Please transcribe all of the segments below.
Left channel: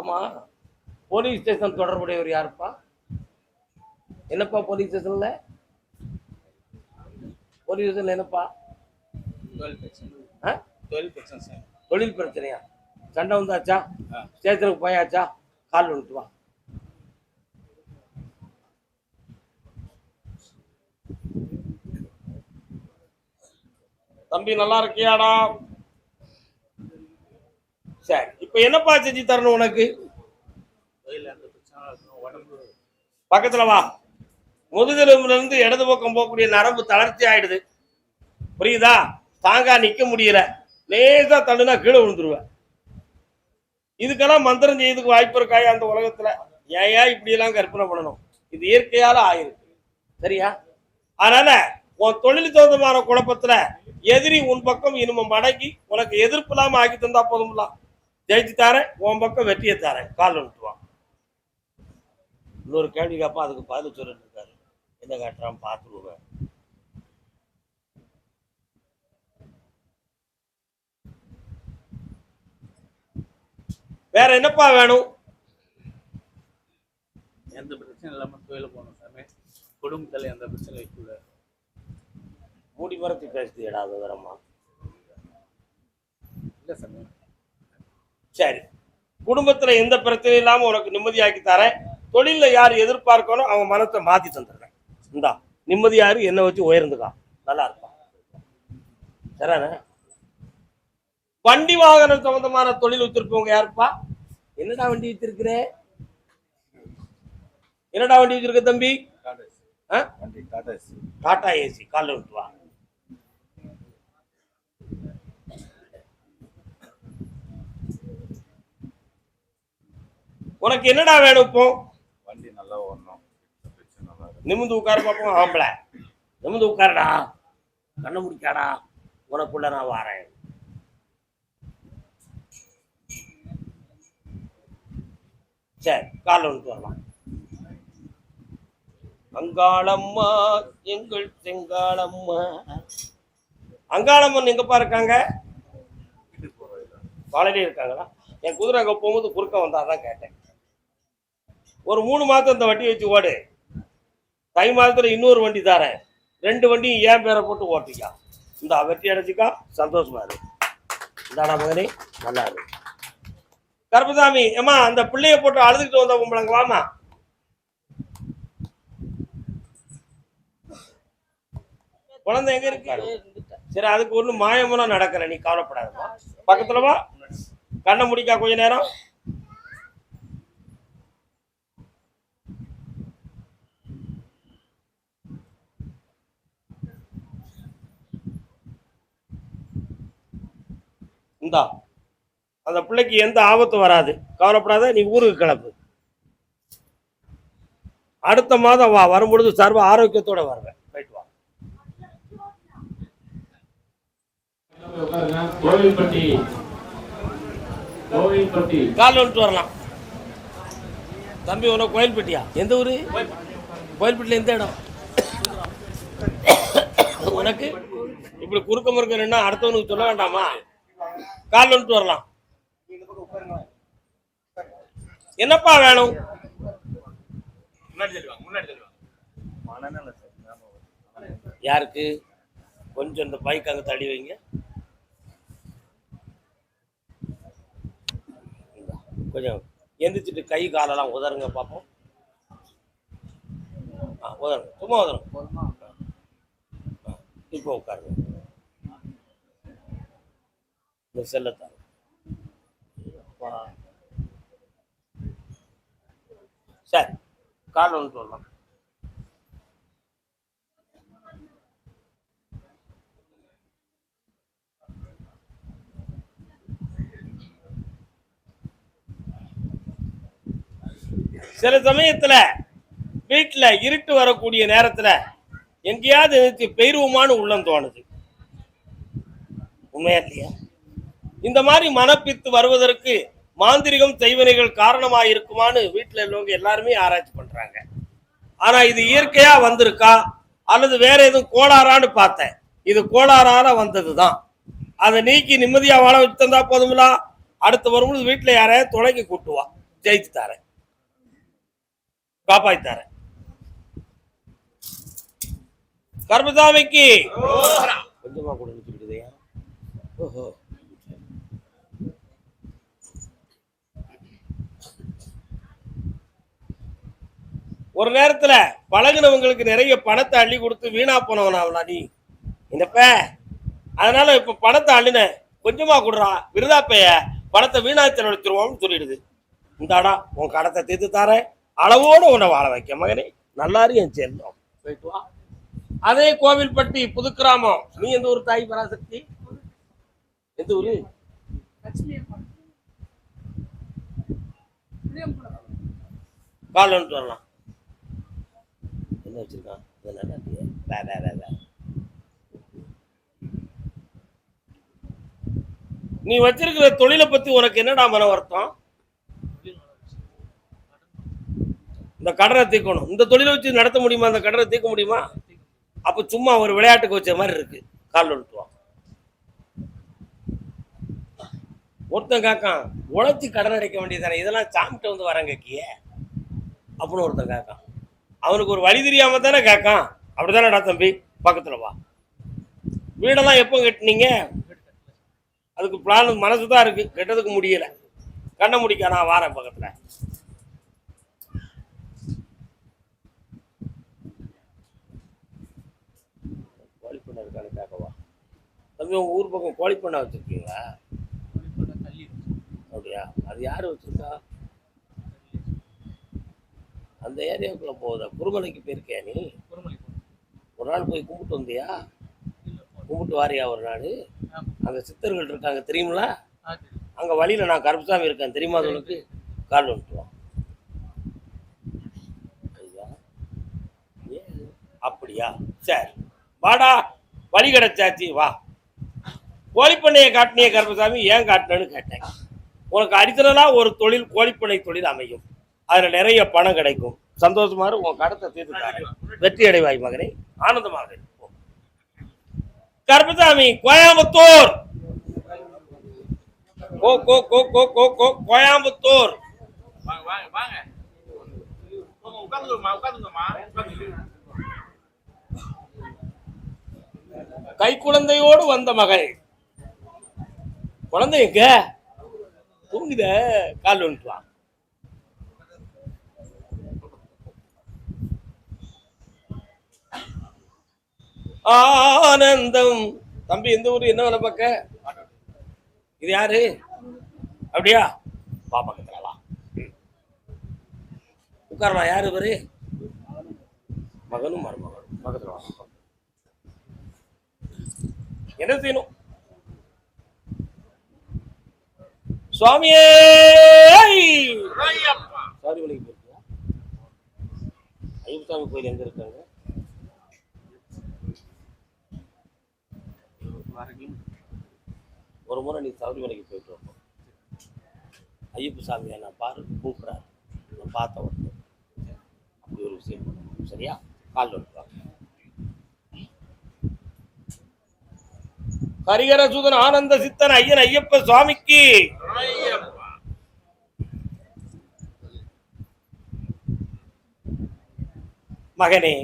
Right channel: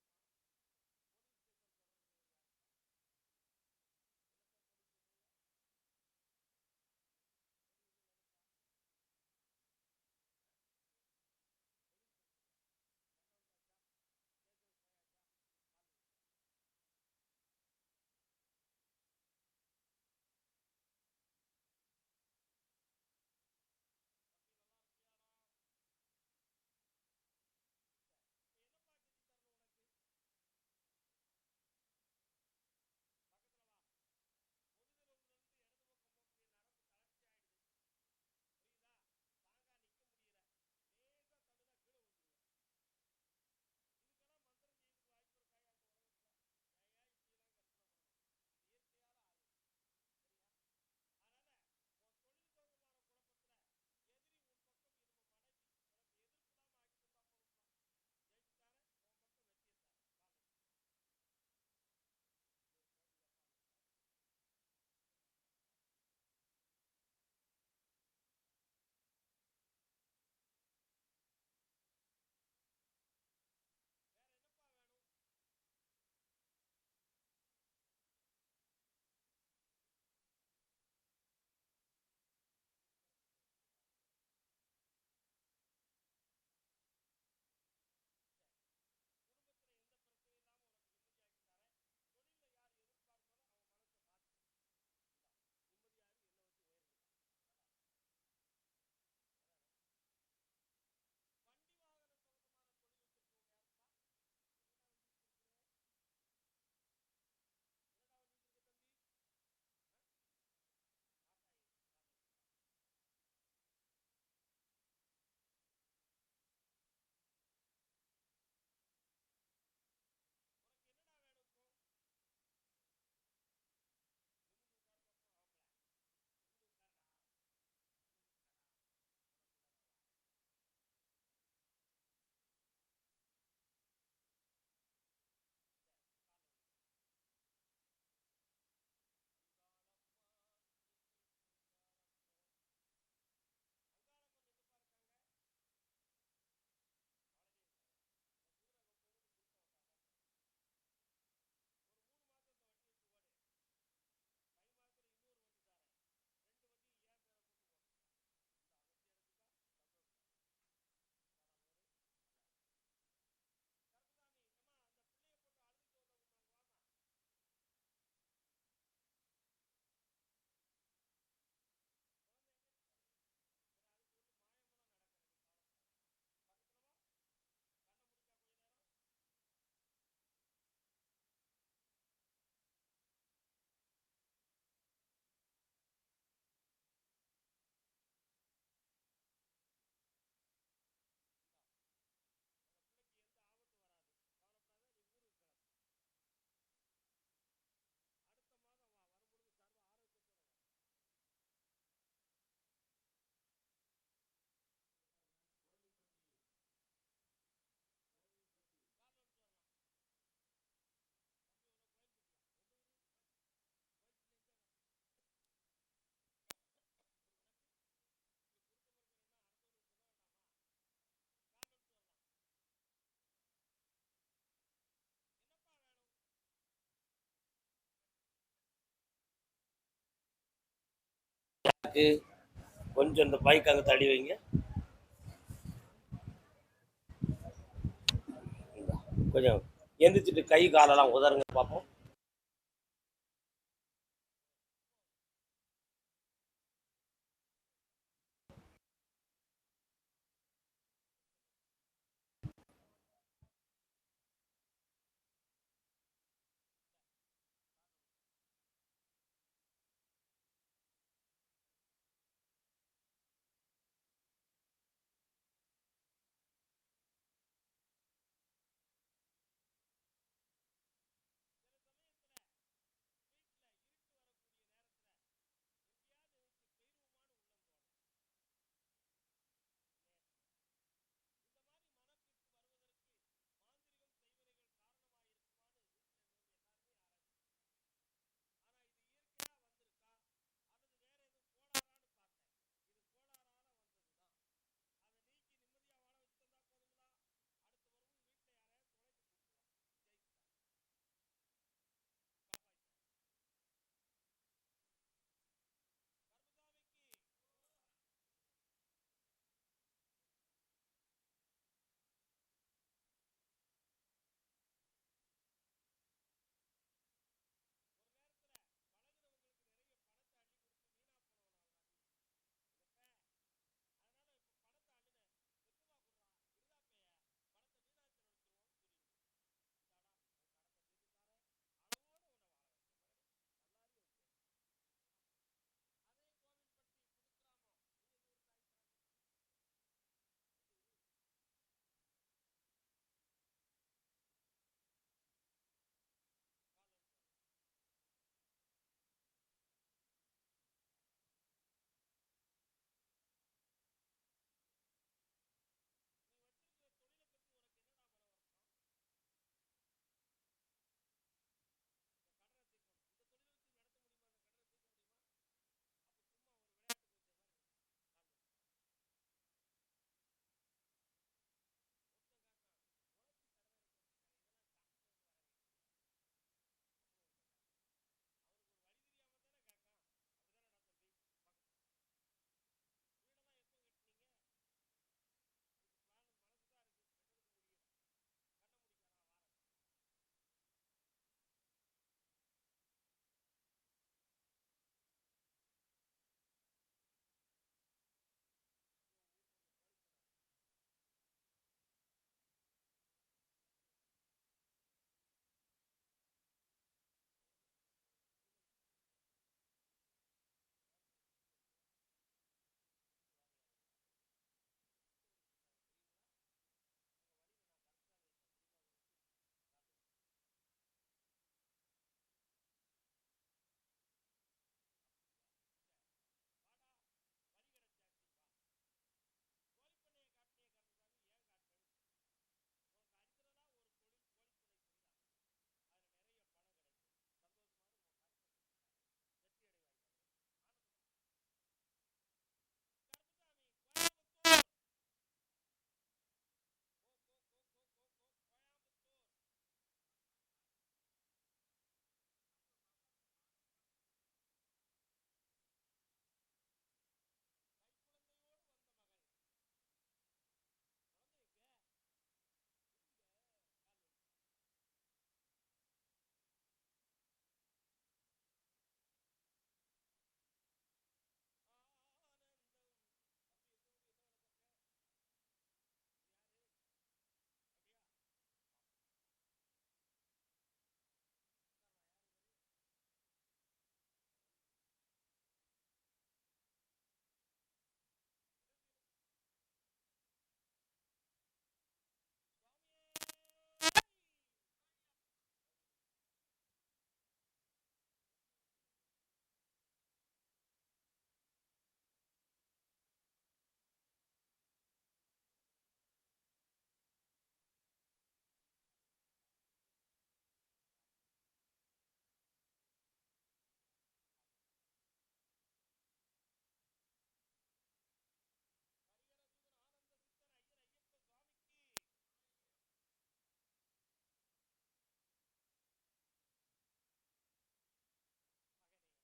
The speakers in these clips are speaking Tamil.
ஆமா, போலீஸ் ஸ்டேஷன் தொடர்புடையவர் யாருப்பா? என்னப்பா போலீஸ் ஸ்டேஷன்ல என்னப்பா? தொழில் பிரச்சனையா? சண்டை வந்தாச்சா? ஸ்டேஷனுக்கு போயாச்சா? கால் வந்துட்டு வா. தம்பி நல்லா இருக்கியாடா? சரி, இப்ப என்னப்பா செஞ்சு தரணும் உனக்கு? பக்கத்துல வா. முதுகெலும்புல இருந்து இடது பக்கம் போகக்கூடிய நரம்பு தளர்ச்சி ஆயிடுது, புரியுதா? தாங்கா நிக்க முடியல, லேசா தள்ளுனா கீழே விழுந்துருவேன். இதுக்கெல்லாம் மந்திரம் செய்யறதுக்கு வாய்ப்பு இருக்காயா அந்த உலகத்துல? ஏன் இப்படி எல்லாம் கற்பனை பண்ணணும்? இது இயற்கையால ஆயிருக்கு, சரியா? அதனால உன் தொழில் சொந்தமான குழப்பத்துல எதிரி உன் பக்கம் இனிமே மடங்கி உனக்கு எதிர்ப்பு இல்லாம ஆக்கி தந்தா போதும்ல. ஜெயிச்சு தாரேன், உன் பக்கம் வெற்றியை தாரேன், கால் வந்துட்டுவான். இன்னொரு கேள்வி கேப்பா, அதுக்கு பதில் சொல்லிட்டு இருக்காரு. என்ன காட்டுறான் பார்த்துருவேன். வேற என்னப்பா வேணும்? எந்த பிரச்சனை இல்லாம கோயில போகணும் சாமி. குடும்பத்துல எந்த பிரச்சனை வைக்கல. மூடி மரத்தி பேசுதியடா விவரமா? இல்ல சாமி. சரி, குடும்பத்துல எந்த பிரச்சனையும் இல்லாம உனக்கு நிம்மதியாக்கி தரேன். தொழில யார் எதிர்பார்க்கணும் அவன் மனத்தை மாத்தி தந்துடுறேன். இந்தா நிம்மதியாரு, என்ன வச்சு உயர்ந்துக்கா, நல்லா இருப்பான். சரிண்ணே? வண்டி வாகனம் சம்பந்தமான தொழில் வச்சிருப்பவங்க யாருப்பா? என்னடா வண்டி வச்சிருக்கிற? என்னடா வண்டி வச்சிருக்க தம்பி? டாடா ஏசி. காலைல விட்டு வா. உனக்கு என்னடா வேணும் இப்போ? வண்டி நல்லா ஓடணும், நிமிந்து உட்கார பார்ப்போம். ஆம்பளை நிமிந்து உட்காரடா, கண்ண முடிக்காடா, உனக்குள்ள நான் வாரேன். சரி, காலைல வந்துட்டு வரலாம். அங்காளம்மா எங்கள் செங்காளம்மா. அங்காளம்மன் எங்கப்பா இருக்காங்க? காலையிலே இருக்காங்களா? என் குதிரை அங்க போகும்போது குறுக்க வந்தாதான் கேட்டேன். ஒரு 3 மாதம் இந்த வண்டி வச்சு ஓடு. தை மாதத்துல இன்னொரு வண்டி தரேன், 2 வண்டியும் ஏன் பேரை போட்டு ஓட்டிக்கா. இந்த வெற்றி அடைச்சிக்கா, சந்தோஷமா இரு. இந்தாடா மகனே, நல்லா இரு. கருப்பசாமி, ஏமா அந்த பிள்ளைய போட்டு அழுதுகிட்டு வந்த உம்பளங்க வாமா. குழந்தை எங்க இருக்கு? சரி, அதுக்கு ஒண்ணு மாயமெல்லாம் நடக்கல, நீ கவலைப்படாதமா. பக்கத்துல வா, கண்ணை முடிக்கா கொஞ்ச நேரம். இந்தா, அந்த பிள்ளைக்கு எந்த ஆபத்தும் வராது, கவலைப்படாத. நீ ஊருக்கு கிளப்பு. அடுத்த மாதம் வா, வரும்பொழுது சர்வ ஆரோக்கியத்தோட வருவேன். போயிட்டு வா. கால் வந்துட்டு வரலாம். தம்பி உனக்கு கோயில்பட்டியா? எந்த ஊரு? கோயில்பட்டியில எந்த இடம்? உனக்கு இப்படி குறுக்க முறுக்க நின்னா அடுத்தவனுக்கு சொல்ல வேண்டாமா? கால் வந்துட்டு வரலாம். என்னப்பா வேணும்? யாருக்கு? கொஞ்சம் இந்த பைக் அங்க தள்ளி வைங்க. கொஞ்சம் எந்திரிச்சிட்டு கை காலெல்லாம் உதருங்க பார்ப்போம். உதருங்க, சும்மா உதருங்க. இப்போ உட்காருங்க. இந்த செல்லத்தான் சரி, கால் ஒன்று சொல்லலாம். சில சமயத்துல வீட்டுல இருட்டு வரக்கூடிய நேரத்துல எங்கேயாவது பெயருவமானு உள்ளம் தோணுது, உண்மையா இல்லையா? இந்த மாதிரி மனப்பித்து வருவதற்கு மாந்திரிகம் செய்வனைகள் காரணமாக இருக்குமான்னு வீட்டுல உள்ளவங்க எல்லாருமே ஆராய்ச்சி பண்றாங்க. ஆனா இது இயற்கையா வந்திருக்கா அல்லது வேற எதுவும் கோளாறான்னு பார்த்தேன். இது கோளாறால வந்ததுதான். அதை நீக்கி நிம்மதியா வாழ வச்சு தந்தா போதுங்களா? அடுத்து வரும்போது வீட்டுல யாரையாவது துணைக்கு கூட்டுவா. ஜெயிச்சு தரேன், காப்பாத்தி தரேன். கர்மசாமிக்கு கொஞ்சமா கூட நிறுத்திக்கிட்டுதையா. ஓஹோ, ஒரு நேரத்துல பழகுனவங்களுக்கு நிறைய பணத்தை அள்ளி கொடுத்து வீணா போனவனாவலா நீ என்னப்ப? அதனால இப்ப பணத்தை அள்ளின கொஞ்சமா கொடுறா, விருதாப்பைய பணத்தை வீணா செலவழிச்சிருவோம்னு சொல்லிடுது. இந்தாடா உன் கடத்தை தீர்த்து தாரேன், அளவோடு உன்னை வாழ வைக்க மகனே, நல்லாரு என் சேர்ந்தோம், போயிட்டு வா. அதே கோவில்பட்டி புதுக்கிராமம். நீ எந்த ஊர் தாய் பராசக்தி? எந்த ஊரு? கால் வந்துட்டு வரலாம். என்ன வச்சிருக்கான்? நீ வச்சிருக்கிற தொழிலை பத்தி உனக்கு என்னடா மன வருத்தம்? இந்த கடனை தீர்க்கணும். இந்த தொழிலை வச்சு நடத்த முடியுமா? அந்த கடனை தீர்க்க முடியுமா? அப்ப சும்மா ஒரு விளையாட்டுக்கு வச்ச மாதிரி இருக்கு. கால் வந்துட்டுவான். ஒருத்தன் காக்கான் உழைச்சி கடன் அடைக்க வேண்டியதானே, இதெல்லாம் சாமிட்ட வந்து வரங்க கிய அப்படின்னு ஒருத்தன் காக்கான். அவனுக்கு ஒரு வழி தெரியாம தானே கேட்கான். அப்படித்தானடா தம்பி, பக்கத்துல வா. வீடெல்லாம் எப்போ கட்டினீங்க? அதுக்கு பிளான் மனசுதான் இருக்கு, கெட்டதுக்கு முடியல. கண்ண முடிக்க நான் வாரேன் பக்கத்துல. கோழிப்பண்ணை இருக்கான்னு கேட்கவா தம்பி? உங்க ஊர் பக்கம் கோழிப்பண்ணை வச்சிருக்கீங்களா? அப்படியா? அது யாரு வச்சிருக்கா? அந்த ஏரியாவுக்குள்ள போகுதா? குருமலைக்கு போயிருக்கியா நீ? ஒரு நாள் போய் கும்பிட்டு வந்தியா? கும்பிட்டு வாரியா ஒரு நாள்? அங்க சித்தர்கள் இருக்காங்க தெரியுங்களா? அங்க வழியில நான் கருப்பசாமி இருக்கேன் தெரியுமா? அது உனக்கு கால் வந்துட்டுவான். அப்படியா? சரி வாடா, வழி கிடைச்சாச்சு வா. கோழிப்பண்ணையை காட்டினிய கருப்பசாமி, ஏன் காட்டினு கேட்டேன். உனக்கு அடித்தலா ஒரு தொழில், கோழிப்பண்ணை தொழில் அமையும். அதுல நிறைய பணம் கிடைக்கும். சந்தோஷமா உன் கடத்தை தீர்த்துட்டாரு, வெற்றி அடைவாய் மகனே, ஆனந்தமாக. கருப்பசாமி கோயம்புத்தூர், கோயம்புத்தூர். கை குழந்தையோடு வந்த மகள். குழந்தை எங்க? தூங்குத. கால் வந்துட்டுவான். ஆனந்தம். தம்பி எந்த ஊரு, என்ன வேலை பார்க்க? இது யாரு? அப்படியா? வா பக்கத்துல வா, உட்காரலாம். யாரு இவரு? மகனும் மருமகனும். பக்கத்துல வா. என்ன செய்யணும்? சுவாமியே சாரி வழிக்கு போயிருக்கியா? ஐயப்பசாமி கோயில் எங்க இருக்காங்க? ஒரு முறை நீ சபரிமலைக்கு போயிட்டு வரணும். ஐயப்ப சாமியை நான் பாரு கூப்பிட்றாரு, நான் பார்த்த உடனே அப்படி ஒரு விஷயம் பண்ணணும். சரியா? கால் வந்துட்டு ஹரிகர சூதன் ஆனந்த சித்தன் ஐயன் ஐயப்ப சுவாமிக்கு. மகனே,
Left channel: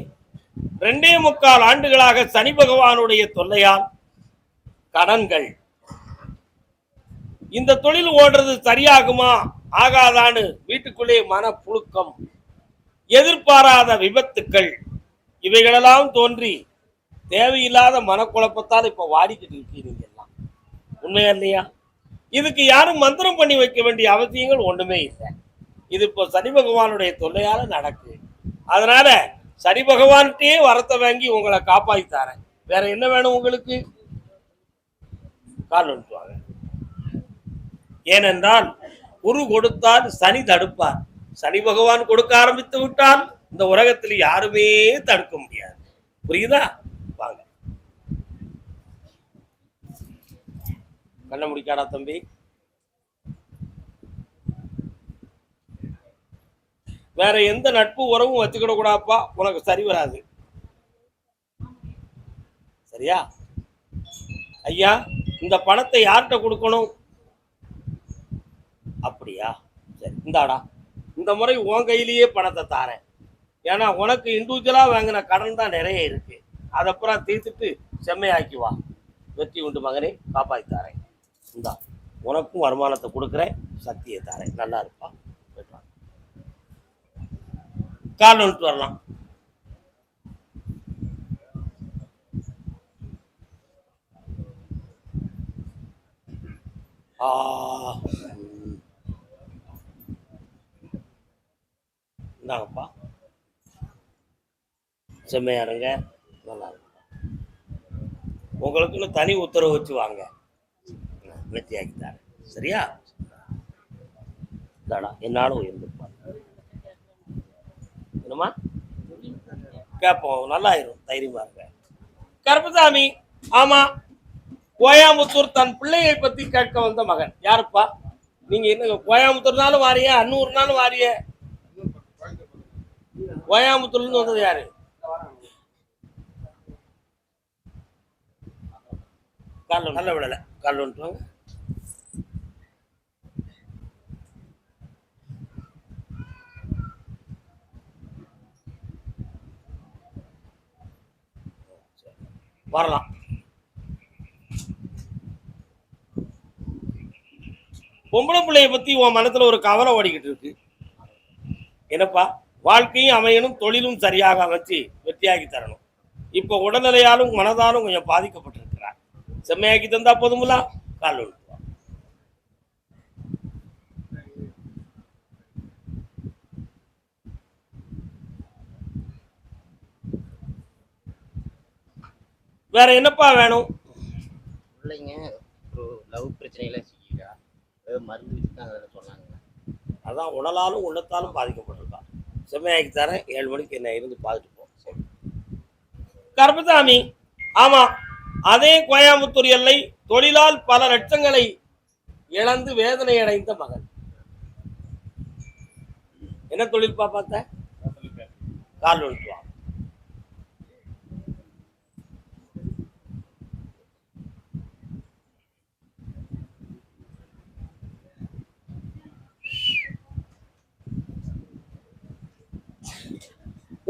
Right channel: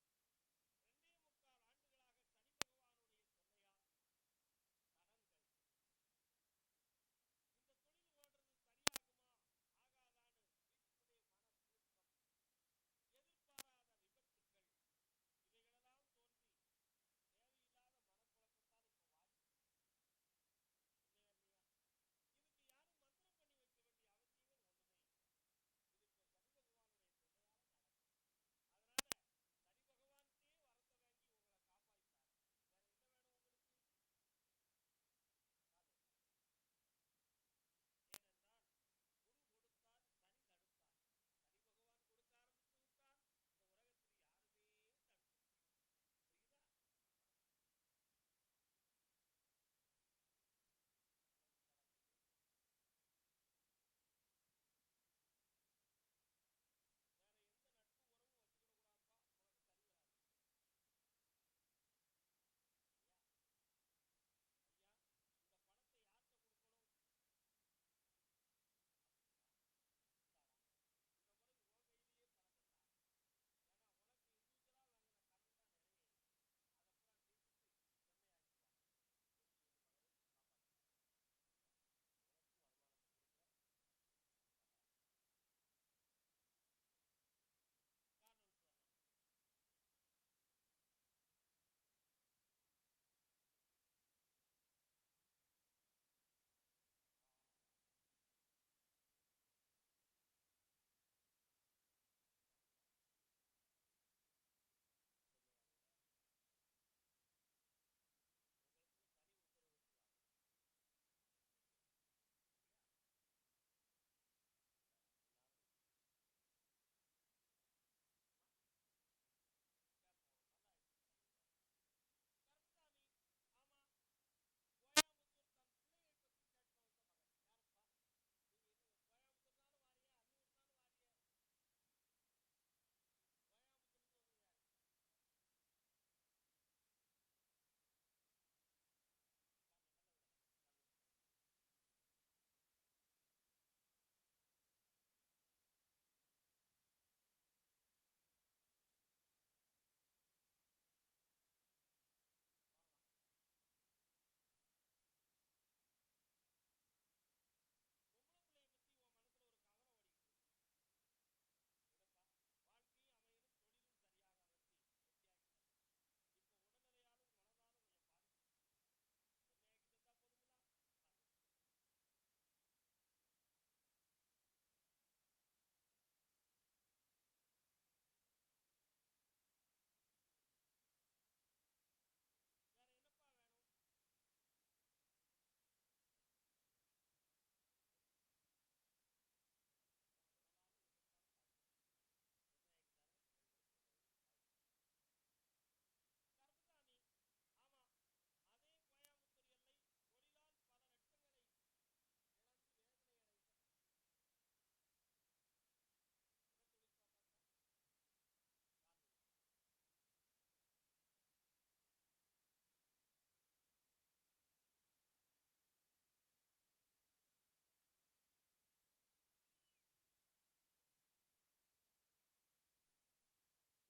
2.25 ஆண்டுகளாக சனி பகவானுடைய தொல்லையால் கடன்கள். இந்த தொழில் ஓடுறது சரியாகுமா ஆகாதான்னு வீட்டுக்குள்ளே மன புழுக்கம், எதிர்பாராத விபத்துக்கள், இவைகளெல்லாம் தோன்றி தேவையில்லாத மனக்குழப்பத்தால் இப்ப வாடிக்கிட்டு இருக்கீங்க எல்லாம். உண்மையா இல்லையா? இதுக்கு யாரும் மந்திரம் பண்ணி வைக்க வேண்டிய அவசியங்கள் ஒண்ணுமே இல்லை. இது இப்போ சனி பகவானுடைய தொல்லையால நடக்கு. அதனால சனி பகவான்கிட்டே வரத்தை வாங்கி உங்களை காப்பாற்றி தரேன். வேற என்ன வேணும் உங்களுக்கு? கால் வந்துட்டுவாங்க. ஏனென்றால் குரு கொடுத்தால் சனி தடுப்பார். சனி பகவான் கொடுக்க ஆரம்பித்து விட்டால் இந்த உலகத்தில் யாருமே தடுக்க முடியாது. புரியுதா? வாங்க. கண்ண முடிக்காடா தம்பி. வேற எந்த நட்பு உறவும் வச்சுக்கிட கூடாப்பா, உனக்கு சரி வராது. சரியா? ஐயா, இந்த பணத்தை யார்கிட்ட கொடுக்கணும்? அப்படியா? சரி, இந்தாடா இந்த முறை உன் கையிலேயே பணத்தை தாரேன். ஏன்னா உனக்கு இண்டிவிஜுவலா வாங்கின கடன் தான் நிறைய இருக்கு. அதப்புறம் தீர்த்துட்டு செம்மையாக்கி வா. வெற்றி உண்டு மகனே, காப்பாற்றி தாரேன். இந்தா உனக்கும் வருமானத்தை கொடுக்குறேன், சக்தியை தாரேன். நல்லா இருப்பா. கால் வந்துட்டு வரலாம். இந்தாங்கப்பா, செம்மையா இருங்க. நல்லா இருக்கும். உங்களுக்குன்னு தனி உத்தரவு வச்சு வாங்க, வெற்றியாக்கி தரேன். சரியா? தாடா என்னாலும் உயர்ந்துப்பாங்க. என்னம்மா கேட்போம், நல்லாயிரும். தைரியமா இருங்க. கருப்பசாமி, ஆமா, கோயம்புத்தூர் தன் பிள்ளையை பத்தி கேட்க வந்த மகன். யாருப்பா நீங்க? என்ன கோயம்புத்தூர்னாலும் வாரிய, அன்னூர்னாலும் வாரிய? கோயம்புத்தூர்ல இருந்து வந்தது யாரு? கால் நல்ல விடல. கால் வந்துட்டு வரலாம். பொம்பளை பிள்ளைய பத்தி உன் மனத்துல ஒரு கவலை ஓடிக்கிட்டு இருக்கு. என்னப்பா? வாழ்க்கையும் அமையணும், தொழிலும் சரியாக அமைச்சு வெற்றியாக்கி தரணும். இப்ப உடல்நிலையாலும் மனதாலும் கொஞ்சம் பாதிக்கப்பட்டிருக்கிறார். செம்மையாக்கி தந்தா போதுங்களா? கால் ஒன்று. வேற என்னப்பா வேணும்? பிள்ளைங்க ஒரு லவ் பிரச்சனையில சிக்கிக்கா, மருந்து வச்சுதான் சொன்னாங்க. அதான் உடலாலும் உள்ளத்தாலும் பாதிக்கப்பட்டிருக்கான். செம்மையாக்கி தரேன். 7 மணிக்கு என்ன இருந்து பார்த்துட்டு போ. கருப்பசாமி, ஆமா, அதே கோயம்புத்தூர் எல்லை தொழிலால் பல லட்சங்களை இழந்து வேதனை அடைந்த மகன். என்ன தொழில்பா பார்த்த? கால் ஒன்று.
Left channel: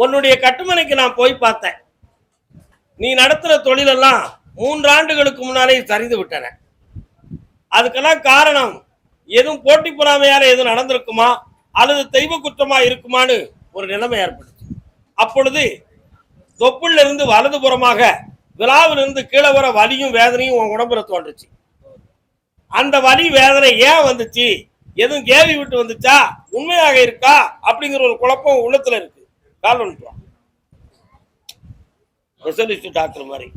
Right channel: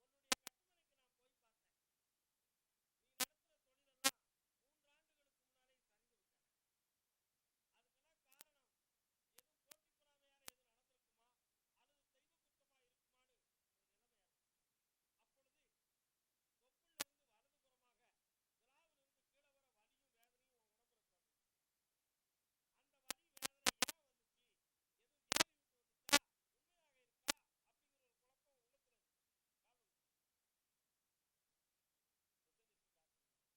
உன்னுடைய கட்டுமனைக்கு நான் போய் பார்த்தேன். நீ நடத்துற தொழிலெல்லாம் 3 ஆண்டுகளுக்கு முன்னாலே சரிந்து விட்டன. அதுக்கெல்லாம் காரணம் எதுவும் போட்டி பொறாமையால எதுவும் நடந்திருக்குமா அல்லது தெய்வ குற்றமா இருக்குமான்னு ஒரு நிலைமை ஏற்பட்டுச்சு. அப்பொழுது தொப்புள்ள இருந்து வலதுபுறமாக விழாவிலிருந்து கீழே வர வலியும் வேதனையும் உன் உடம்புல தோன்றுச்சு. அந்த வலி வேதனை ஏன் வந்துச்சு, எதுவும் கேள்வி விட்டு வந்துச்சா, உண்மையாக இருக்கா அப்படிங்கிற ஒரு குழப்பம் உள்ளத்துல இருக்கு. கால் ஒன்று. ஸ்பெஷலிஸ்ட் டாக்டர் மாதிரி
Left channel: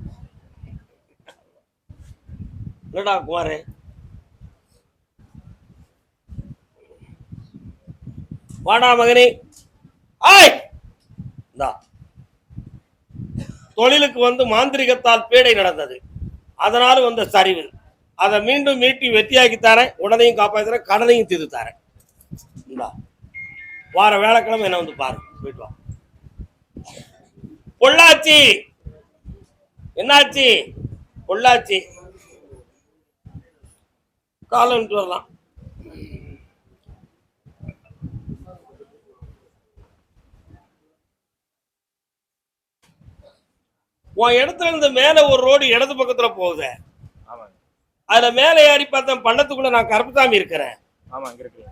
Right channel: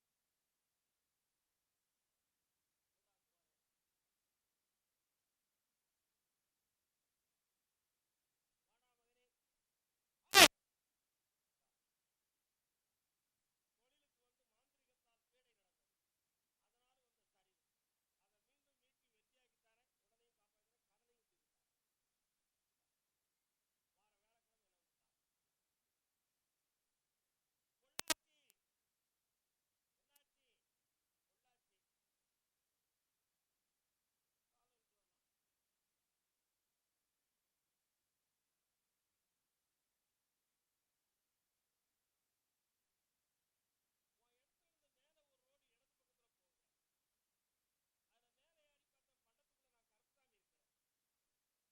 இல்லடா குமாரே. வாடா மகனே. ஆய், தொழிலுக்கு வந்து மாந்திரிகத்தால் பீடை நடந்தது. அதனால வந்த சரிவு. அதை மீண்டும் மீட்டி வெற்றியாக்கி தரேன். உடனையும் காப்பாற்றுறேன், கடனையும் தீர்த்து தரேன். வார வேலைக்கிழமை என்ன வந்து பாரு. போயிட்டு வா. பொள்ளாச்சி, என்னாச்சு? பொள்ளாச்சி காலம் வரலாம். உன் இடத்துல இருந்து மேல ஒரு ரோடு இடது பக்கத்துல போகுது. அதுல மேல ஏறி பார்த்தேன், பள்ளத்துக்குள்ள நான் கருப்பசாமி இருக்கிறேன்.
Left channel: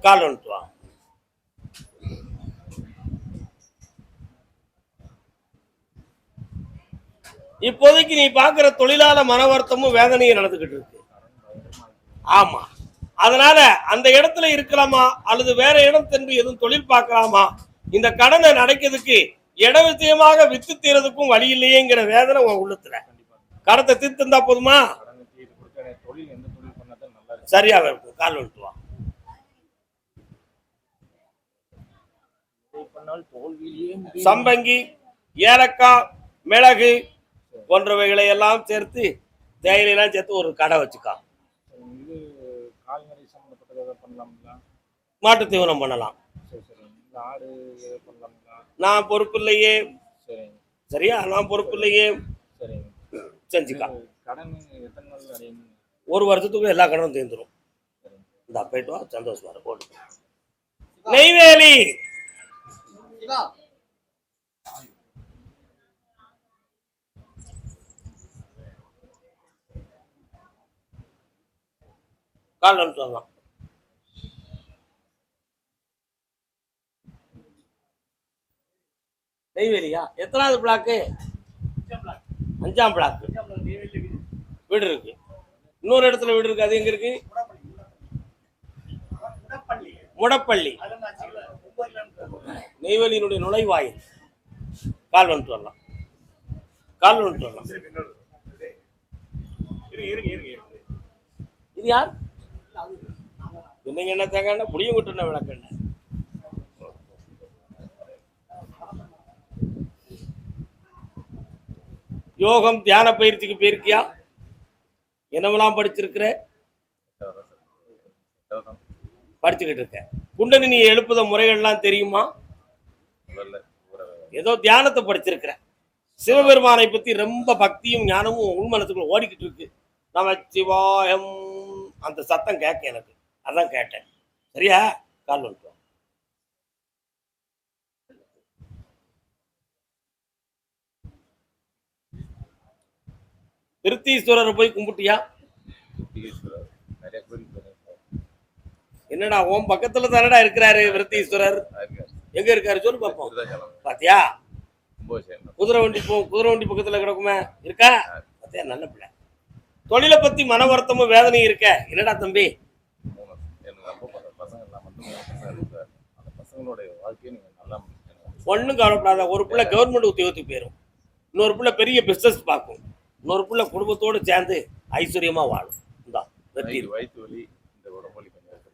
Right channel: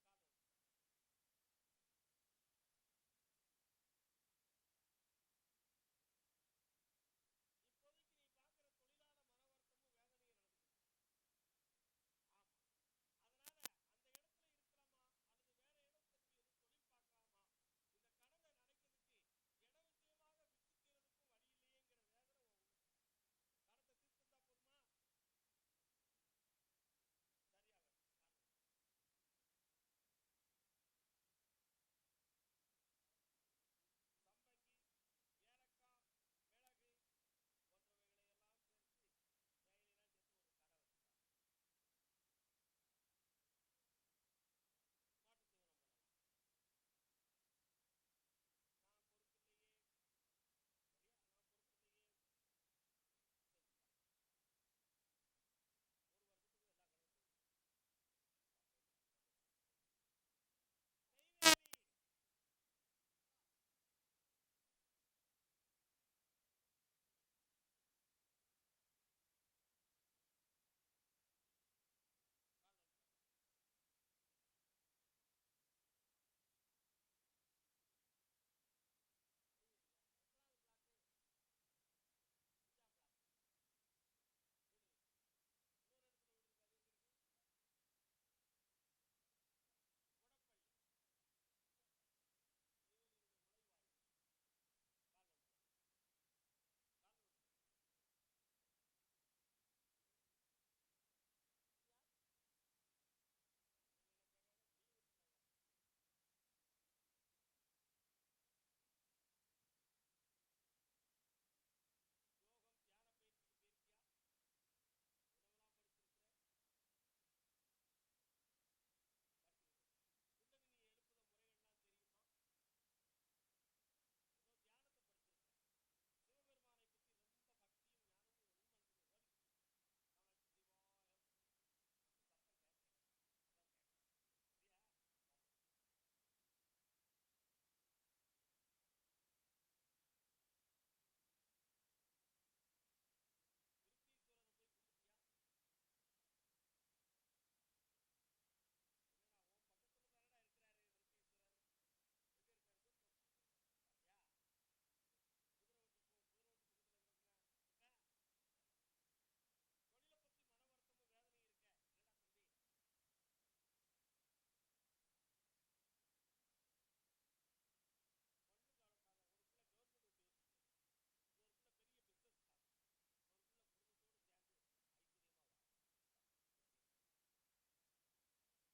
கால் வந்துட்டு வா. இப்போதைக்கு நீ பாக்குற தொழிலாள மன வருத்தமும் வேதனையும் நடந்துகிட்டு இருக்கு. ஆமா, அதனால அந்த இடத்துல இருக்கலாமா அல்லது வேற இடம் சென்று எதுவும் தொழில் பார்க்கலாமா, இந்த கடனை நடக்கிறதுக்கு இட விஷயமாக வித்து தீரதுக்கும் வழி இல்லையேங்கிற வேதனை உன் உள்ளத்துல. கடத்தை தீர்த்து இருந்தா போதுமா? சரியா இருக்கும். கால் விட்டு வா. சம்பங்கி, ஏலக்காய், மிளகு போன்றவைகளை எல்லாம் சேர்த்து, தேயிலையெல்லாம் சேர்த்து ஒரு கடை வச்சுக்கா. மாட்டு தீவனம் பண்ணலாம். நான் பொறுப்பு இல்லையே. சரியா? நான் பொறுப்பு இல்லையே. செஞ்சுக்கா. 1 வருஷத்துக்கு எல்லா கடனும் தீர்ந்துடும். இந்த போயிட்டு வா, சந்தோஷமா இருக்கும். நெய்வேலி. கால் சொல்லலாம். நெய்வேலியா? எத்தனாவது பிளாக்கு? 5ஆம் பிளாக் வீடு இருக்கு. இன்னொரு இடத்துல வீடு இருக்கு. அது எங்க இருக்கு? முடப்பள்ளி. நெய்வேலியினுடைய நுழைவாயில். கால் வந்துட்டு வரலாம். கால் வந்துட்டு வரலாம். இது யார்? என்னங்க என்ன தேங்க புளியும் விட்டு விளக்கண்ண. யோகம் தியான பயிற்சிக்கு போயிருக்கியா? என்னவெல்லாம் படிச்சிருக்கிற? படிச்சுக்கிட்டு இருக்க. குண்டலினி எழுப்புத முறைகள்லாம் தெரியுமா? ஏதோ தியானத்தை படிச்சிருக்கிற. சிவபெருமானை பத்தி ரொம்ப பக்தியும் ஞானமும் உள்மனத்துக்குள்ள ஓடிக்கிட்டு இருக்கு. நமச்சிவாயம் அந்த சத்தம் கேட்க எனக்கு. அதான் கேட்டேன். சரியா? கால் வந்துட்டோம். திருத்தீஸ்வரரை போய் கும்பிட்டியா? என்னடா உன் பக்கத்துல தானடா இருக்கிறாரு விருத்தீஸ்வரர். எங்க இருக்காரு சொல்லு பாப்போம். பாத்தியா? குதிரை வண்டி பக்கத்துல கிடக்குமே. இருக்கா? பாத்தியா? நல்ல பிள்ளை. தொழிலை பத்தி மன வருத்தமும் வேதனையும் இருக்க. என்னடா தம்பி? ஒன்னும் கவலைப்படாத. ஒரு பிள்ளை கவர்மெண்ட் உத்தியோகத்துக்கு போயிடும். இன்னொரு பிள்ளை பெரிய பிசினஸ் பார்க்கும். இன்னொரு பிள்ளை குடும்பத்தோடு சேர்ந்து ஐஸ்வர்யமா வாழும்.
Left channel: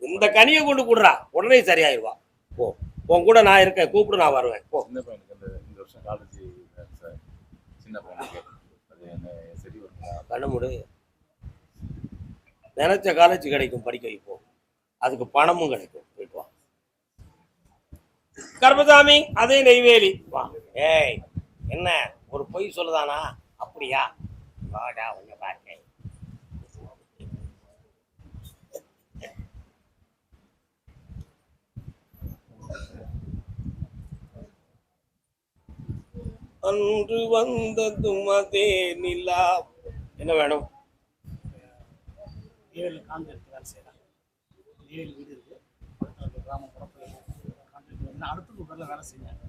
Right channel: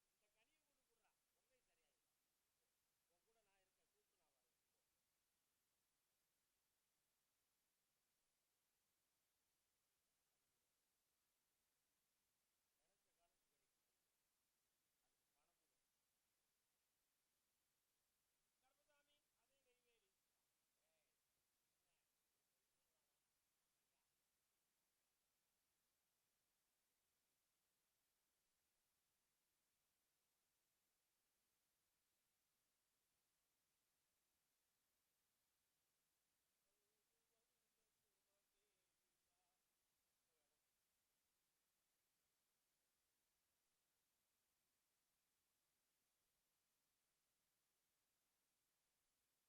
இந்த கனியை கொண்டு கூடுறா, உடனே சரியாயிருவா. போ, உன் கூட நான் இருக்கேன். கூப்பிடு, நான் வருவேன். போ. கண்ணமுடு. நினைச்ச காலேஜ் கிடைக்கும், படிக்க வைப்போம். அதுக்கு பணமும் கிடைக்கும். போயிட்டு வா. கர்மசாமி, அதே நெய்வேலி. வா. ஏய், என்ன ஒரு பொய் சொல்லுதானா? அப்படியா? வாடா, உன்னை பார்க்க. அன்று வந்ததும் அதே நிலா. என்ன வேணும்? அடுத்த பேர்ல வேலை செய்யறேன்.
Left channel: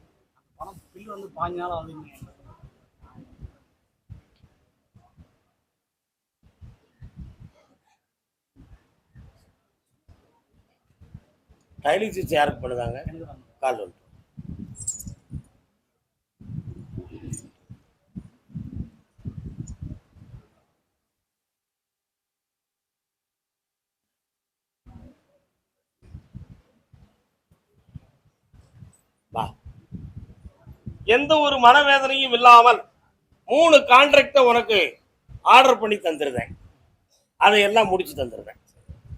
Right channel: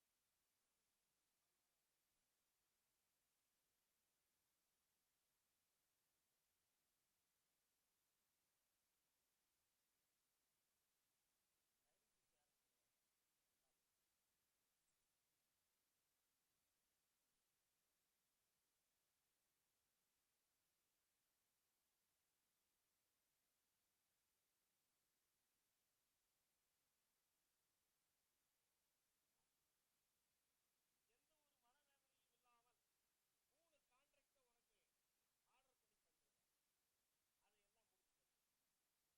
பணம் பில் வந்து 5 நாள் ஆகுது. டைலிங் யாருக்கு பண்ணுதாங்க? கால் வந்து எந்த ஒரு மனவேதனையும் இல்லாமல் 3 கான்ட்ராக்ட உனக்கு ஆர்டர் பண்ணி தந்துருந்தேன். அதையெல்லாம் முடிச்சு தந்துருந்தேன்.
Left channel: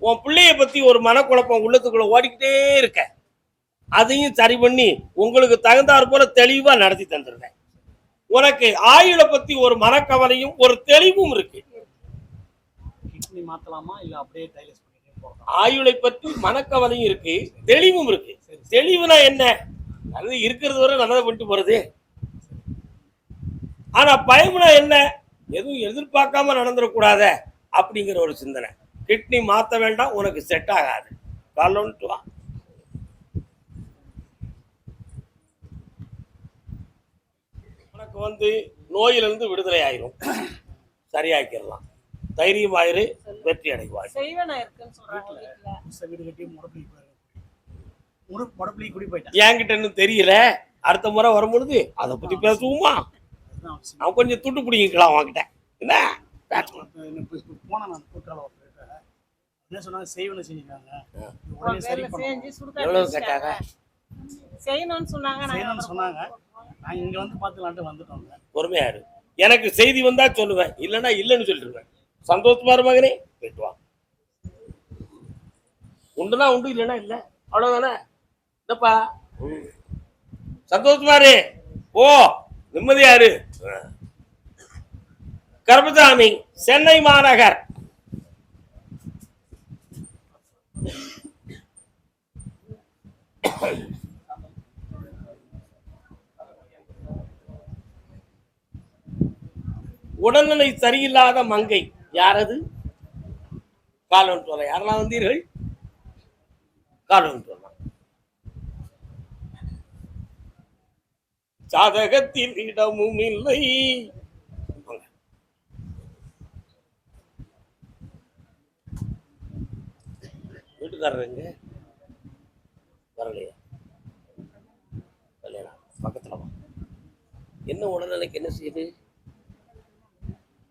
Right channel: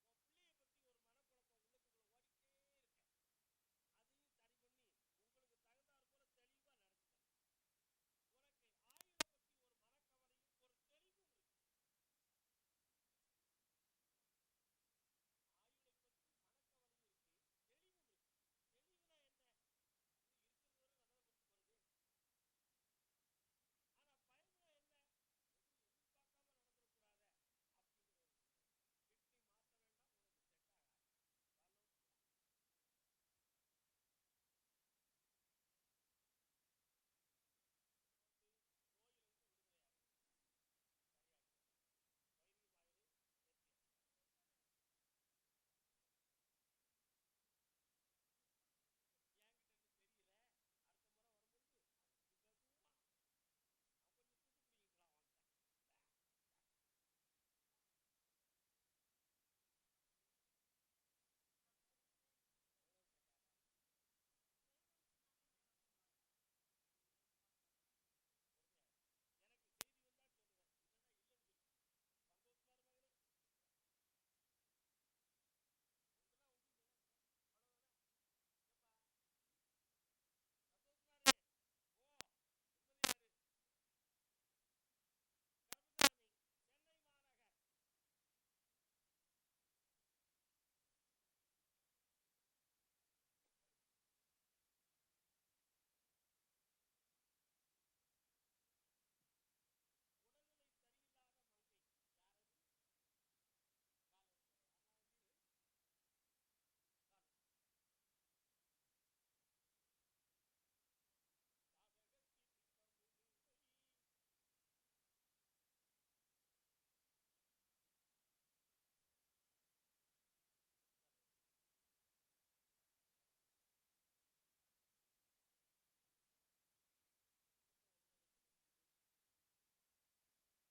உன் பிள்ளைய பத்தி ஒரு மனக்குழப்பம் உள்ளத்துக்குள்ள ஓடிக்கிட்டே இருக்க. அதையும் சரி பண்ணி உங்களுக்கு தகுந்தாற் போல தெளிவா நடத்தி தந்துருந்தேன். உனக்கு ஆயுளை பத்தி ஒரு மனக்கவலையும் ஒரு தெளிவும் இருக்கு. மாத்தலாமா இல்ல அப்படியே டைலஸ் பண்ணிட்டே போறோம்? ஆயுளை பத்தி மனக்கவலையும் இருக்கு, தெளிவும் இருக்கு. தெளிவுனா என்ன? அது இருக்கிறது வரை நல்லதை பண்ணிட்டு போறது. ஆனா பயம்னா என்ன? எதுவும் எதிர்பார்க்காம நடந்துடக்கூடாத அப்படிங்கிற ஒரு சிந்தனை. கிட்னி மாத்த வேண்டாம், உனக்கு செட் ஆகாது. காலோன்ட்டு வா. உனக்கு வந்து நோயிலிருந்து விடுதலை ஆயிரும். சரியாக்கிடலாம். தைரியமாயிரு, வெற்றி அடைவாய். என்கிட்ட இன்னும் தெரியல. அடுத்த முறை வரும்பொழுது அதை பத்தி பேசுவோமா? அவன் கொஞ்சம் துட்டு பிடிக்கலாம் அவன்கிட்ட. என்ன என்ன சொன்னாங்க? செய்வன செஞ்சிருக்காங்க. எவ்வளவு கேட்டாங்க? செய்யணும்னு சொன்னாங்க. நான் இங்க வந்து பாத்துலான்ட்டு வந்துட்டோம். பொறுமையாரு. எனக்கு செய்தி வந்தா சொல்லுவேன், இல்லைன்னா இல்லைன்னு சொல்லிடுவேன். சந்தோஷமா இரு மகனே, போயிட்டு வா. உண்டுனா உண்டு, இல்லைன்னா இல்லை. அவ்வளவுதானே? இல்லப்பா, சந்தோஷமா இரு. ஓ, நிம்மதியாரு. கர்மசாமி, சென்னை மாநகர். உடல்நிலை சரியில்லாத மங்கை யாரது? கால் ஒன்று சொல்ல. யாரெல்லாம் வந்தீர்கள்? கால் ஒன்று சொல்லலாம். சாதகத்தில் இடமும் இல்லை. வீட்டுக்காரருங்க வரலையா? வரலையா? பக்கத்துல வா. என்ன உடல்நிலைக்கு என்ன செய்யுது?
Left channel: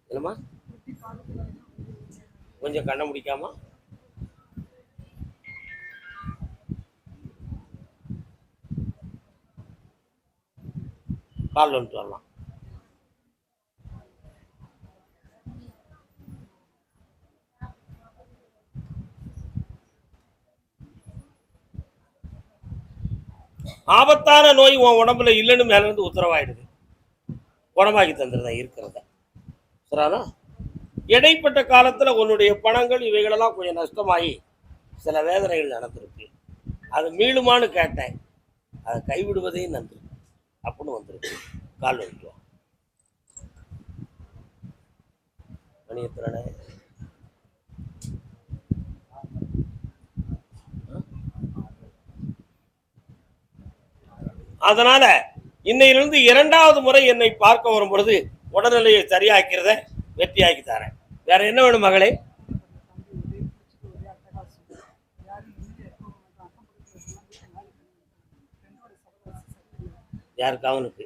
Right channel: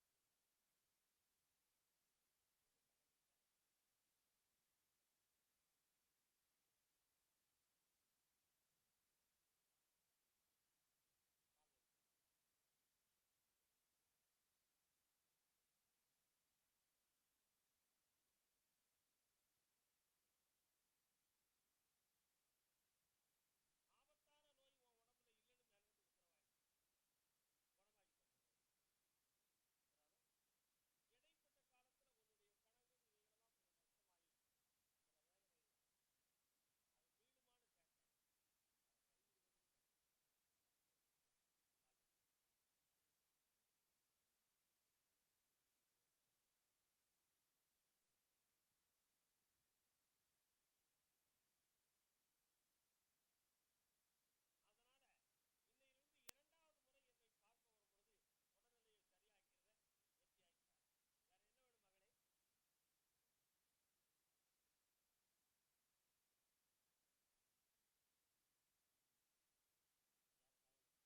என்னம்மா கொஞ்சம் கண்ண முடிக்காம கால் வந்துட்டு வரலாம். ஆபத்தான நோய் உன் உடம்புல இல்லைன்னு மேல இருந்து உத்தரவாயிடுது. குணமாக்கி தந்துருதான் இருக்கிறத. சரிண்ணா? இடைப்பட்ட காலத்துல உன்னுடைய பணங்கள் இவைகளெல்லாம் கொஞ்சம் நஷ்டமாகி சில வேதனைகள் நடந்திருக்கு. அது மீளுமான்னு கேட்டேன். அதை கைவிடுவதே நன்று அப்படின்னு வந்துருக்கு. கால் வந்துட்டு மணியத்திரனே அதனால இன்னையிலிருந்து 2வது முறை என்னை பார்க்க வரும் பொழுது உடல்நிலையை சரியாக்கிறத வெற்றியாக்கி தரேன். வேற என்ன வேணும் மகளே? யாருக்கு? அவனுக்கு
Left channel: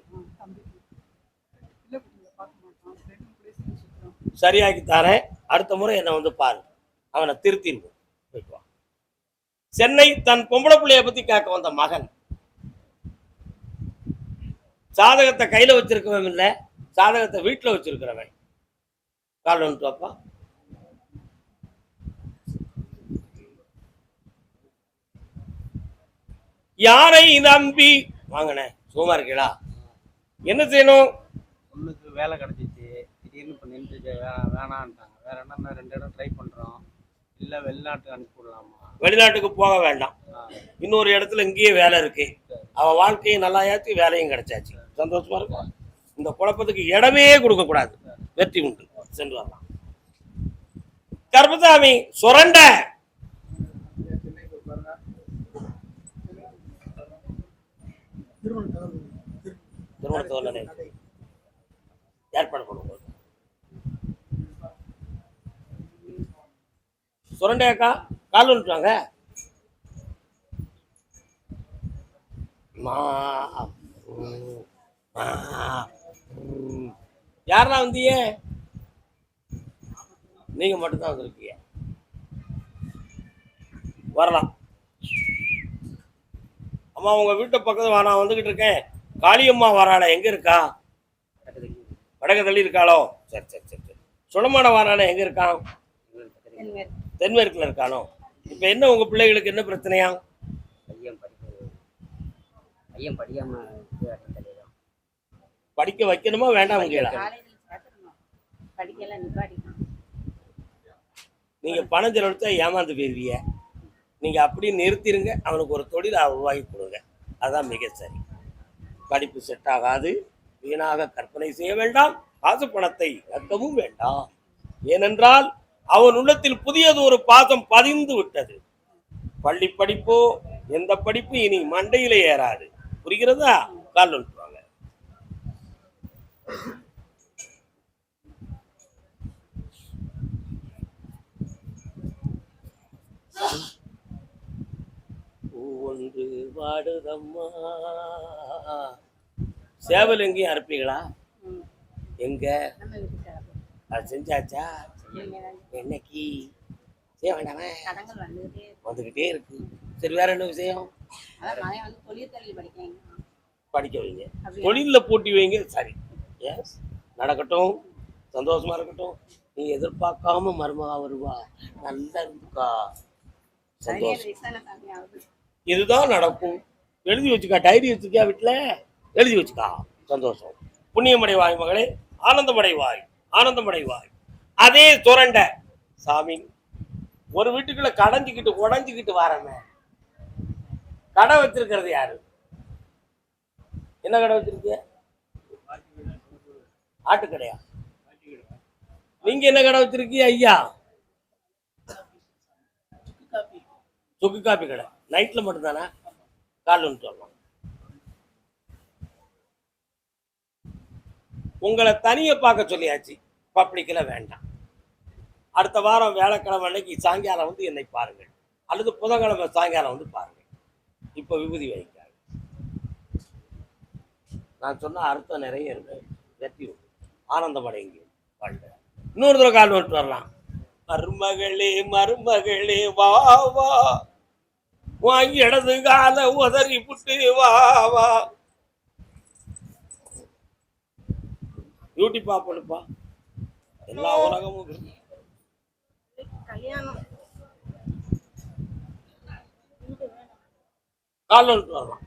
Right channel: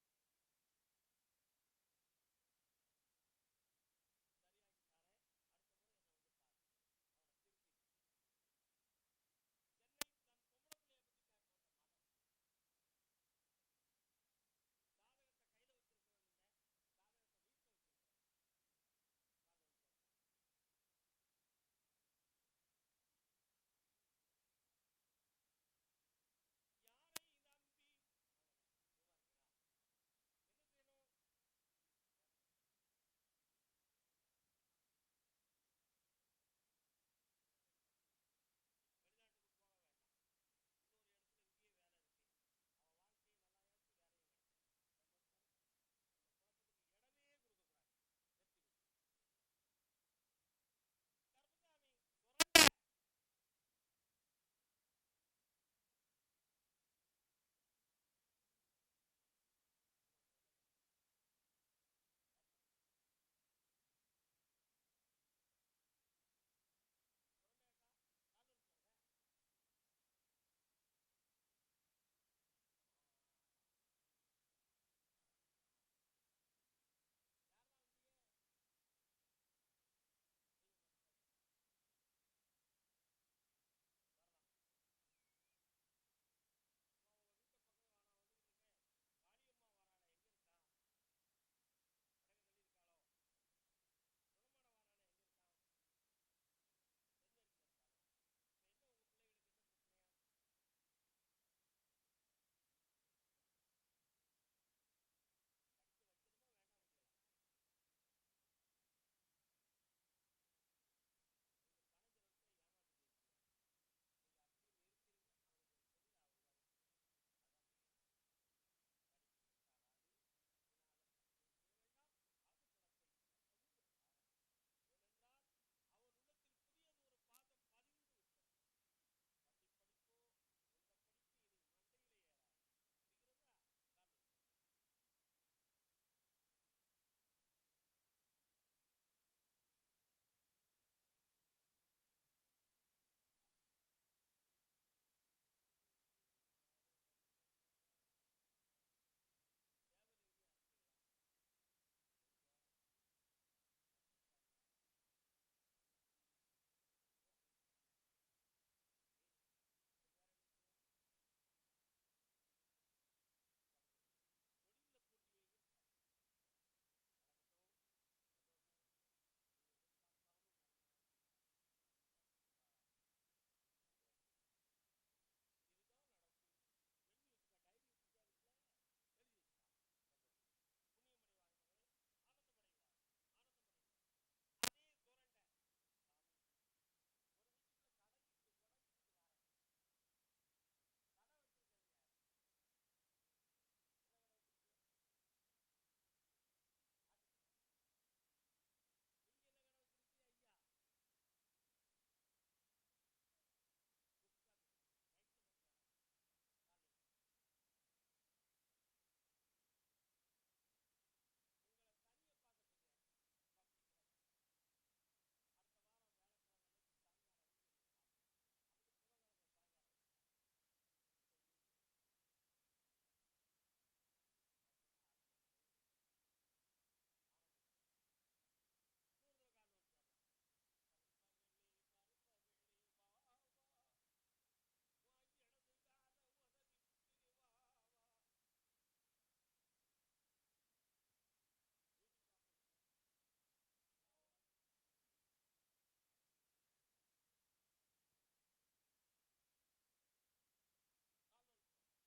சரியாக்கி தரேன். அடுத்த முறை என்ன வந்து பாரு. அவனை திருத்திடுவோம். சென்னை தன் பொம்பளை பிள்ளைய பத்தி கேட்க வந்த மகன் சாதகத்தை கையில வச்சிருக்கவன் இல்ல, சாதகத்தை வீட்டுல வச்சிருக்கிறவன். கால் வந்துட்டு வாப்பா. யாரை நம்பி வாங்கினேன்? சும்மா இருக்கீங்களா? என்ன செய்யணும்? பொண்ணுக்கு வேலை கிடைச்சிச்சு, திடீர்னு இப்போ நின்றுச்சு, வேணான்ட்டாங்க. வேற என்ன 2 இடம் ட்ரை பண்றோம். இல்லை வெளிநாட்டுக்கு அனுப்பி விடலாமா? வெளிநாட்டுக்கு போக வேண்டாம். இன்னொரு இடத்துல இங்கேயே வேலை இருக்கு. அவன் வாழ்க்கையும் நல்லாயாச்சு, வேலையும் கிடைச்சாச்சு. சந்தோஷமா இருக்கும். இந்த குழப்பத்துக்கு இடமே கொடுக்க கூடாது. வெற்றி உண்டு. சென்று வரலாம். கர்மசாமி சுரண்ட திருமணத்தை ஏற்பாடு பண்ணுவோம். சுரண்டையாக்கா கால் வந்துட்டாங்க. யாரா வந்தீங்க? நீங்க மட்டும்தான் வந்திருக்கீங்க. வரலாம். அம்மா உங்க வீட்டு பக்கத்துல நான் வந்துகிட்டு இருக்கேன். காளியம்மா வராள எங்க இருக்கா? வடக்கு தள்ளி இருக்காளோ? சரி சரி சரி சரி. சுடமான வராள எங்க இருக்கான்? தென்மேற்குல இருக்கானோ? இப்ப என்ன உங்க பிள்ளைகளுக்கு என்ன பிரச்சனையா? படிக்க வைக்கணுமா வேண்டாம்? நீங்க பணம் செலவழிச்சா ஏமாந்து போயிருவீங்க. நீங்க அப்படி நிறுத்திருங்க. அவனுக்கு ஒரு தொழிலை உருவாக்கி கொடுங்க. அதான் மிக சரி. படிப்பு செட் ஆகாது. வீணாக கற்பனை செய்ய வேண்டாம். காசு பணத்தை இழக்கவும் வேண்டாம். ஏனென்றால் அவன் உள்ளத்தில் புதியது ஒரு பாசம் பதிந்து விட்டது. பள்ளி படிப்போ எந்த படிப்பு இனி மண்டையிலே ஏறாது. புரிகிறதா? கால் வந்துருவாங்க. ஒன்று வாடுதம்மா. சேவல் எங்கேயும் அறுப்பீங்களா? எங்க அது செஞ்சாச்சா? என்னைக்கு செய்ய வேண்டாமே? வந்துகிட்டே இருக்கு. சரி, வேற என்ன விஷயம்? படிக்க வைங்க. தொழில போட்டி வைங்க. சரி, எஸ், நடக்கட்டும். சந்தோஷமா இருக்கட்டும். நீ எதிர்பார்க்காம மருமகா வருவா. நல்லா இருந்துக்கா. சந்தோஷம். இதுதான் நடக்கும். எழுதி வச்சுக்கா. டைரி வச்சுக்கா. வீட்டுல எழுதி வச்சுக்கா. சந்தோஷம். புண்ணியமடைவாய் மகளே. ஆனந்தமடைவாய். ஆனந்தமடைவாய். அதே சுரண்ட சாமி ஒரு வீட்டுக்குள்ள கடைஞ்சிக்கிட்டு உடஞ்சிக்கிட்டு வரமே. கடை வச்சிருக்கிறது யாரு? என்ன கடை வச்சிருக்கீங்க? ஆட்டு கடையா? நீங்க என்ன கடை வச்சிருக்கீங்க ஐயா? சுக்கு காப்பி கடை. நைட்ல மட்டும் தானே? காலைல சொல்லலாம். உங்களை தனியை பார்க்க சொல்லியாச்சு, பப்ளிக்ல வேண்டாம். அடுத்த வாரம் வியாழக்கிழமை அன்னைக்கு சாயங்காலம் வந்து என்னை பாருங்கள், அல்லது புதன்கிழமை சாயங்காலம் வந்து பாருங்கள். இப்ப விபூதி வைக்காது. நான் சொன்ன அர்த்தம் நிறைய இருக்கு. வெற்றி ஆனந்தம் அடைங்க. இன்னொரு தடவை கால் விட்டு வரலாம். மருமகளே மருமகளே வா வா, வாங்கி இடது கால உதறி புட்டு வா வா. பியூட்டி பாப்பா எல்லா உலகமும் கால் விட்டு வரலாம்.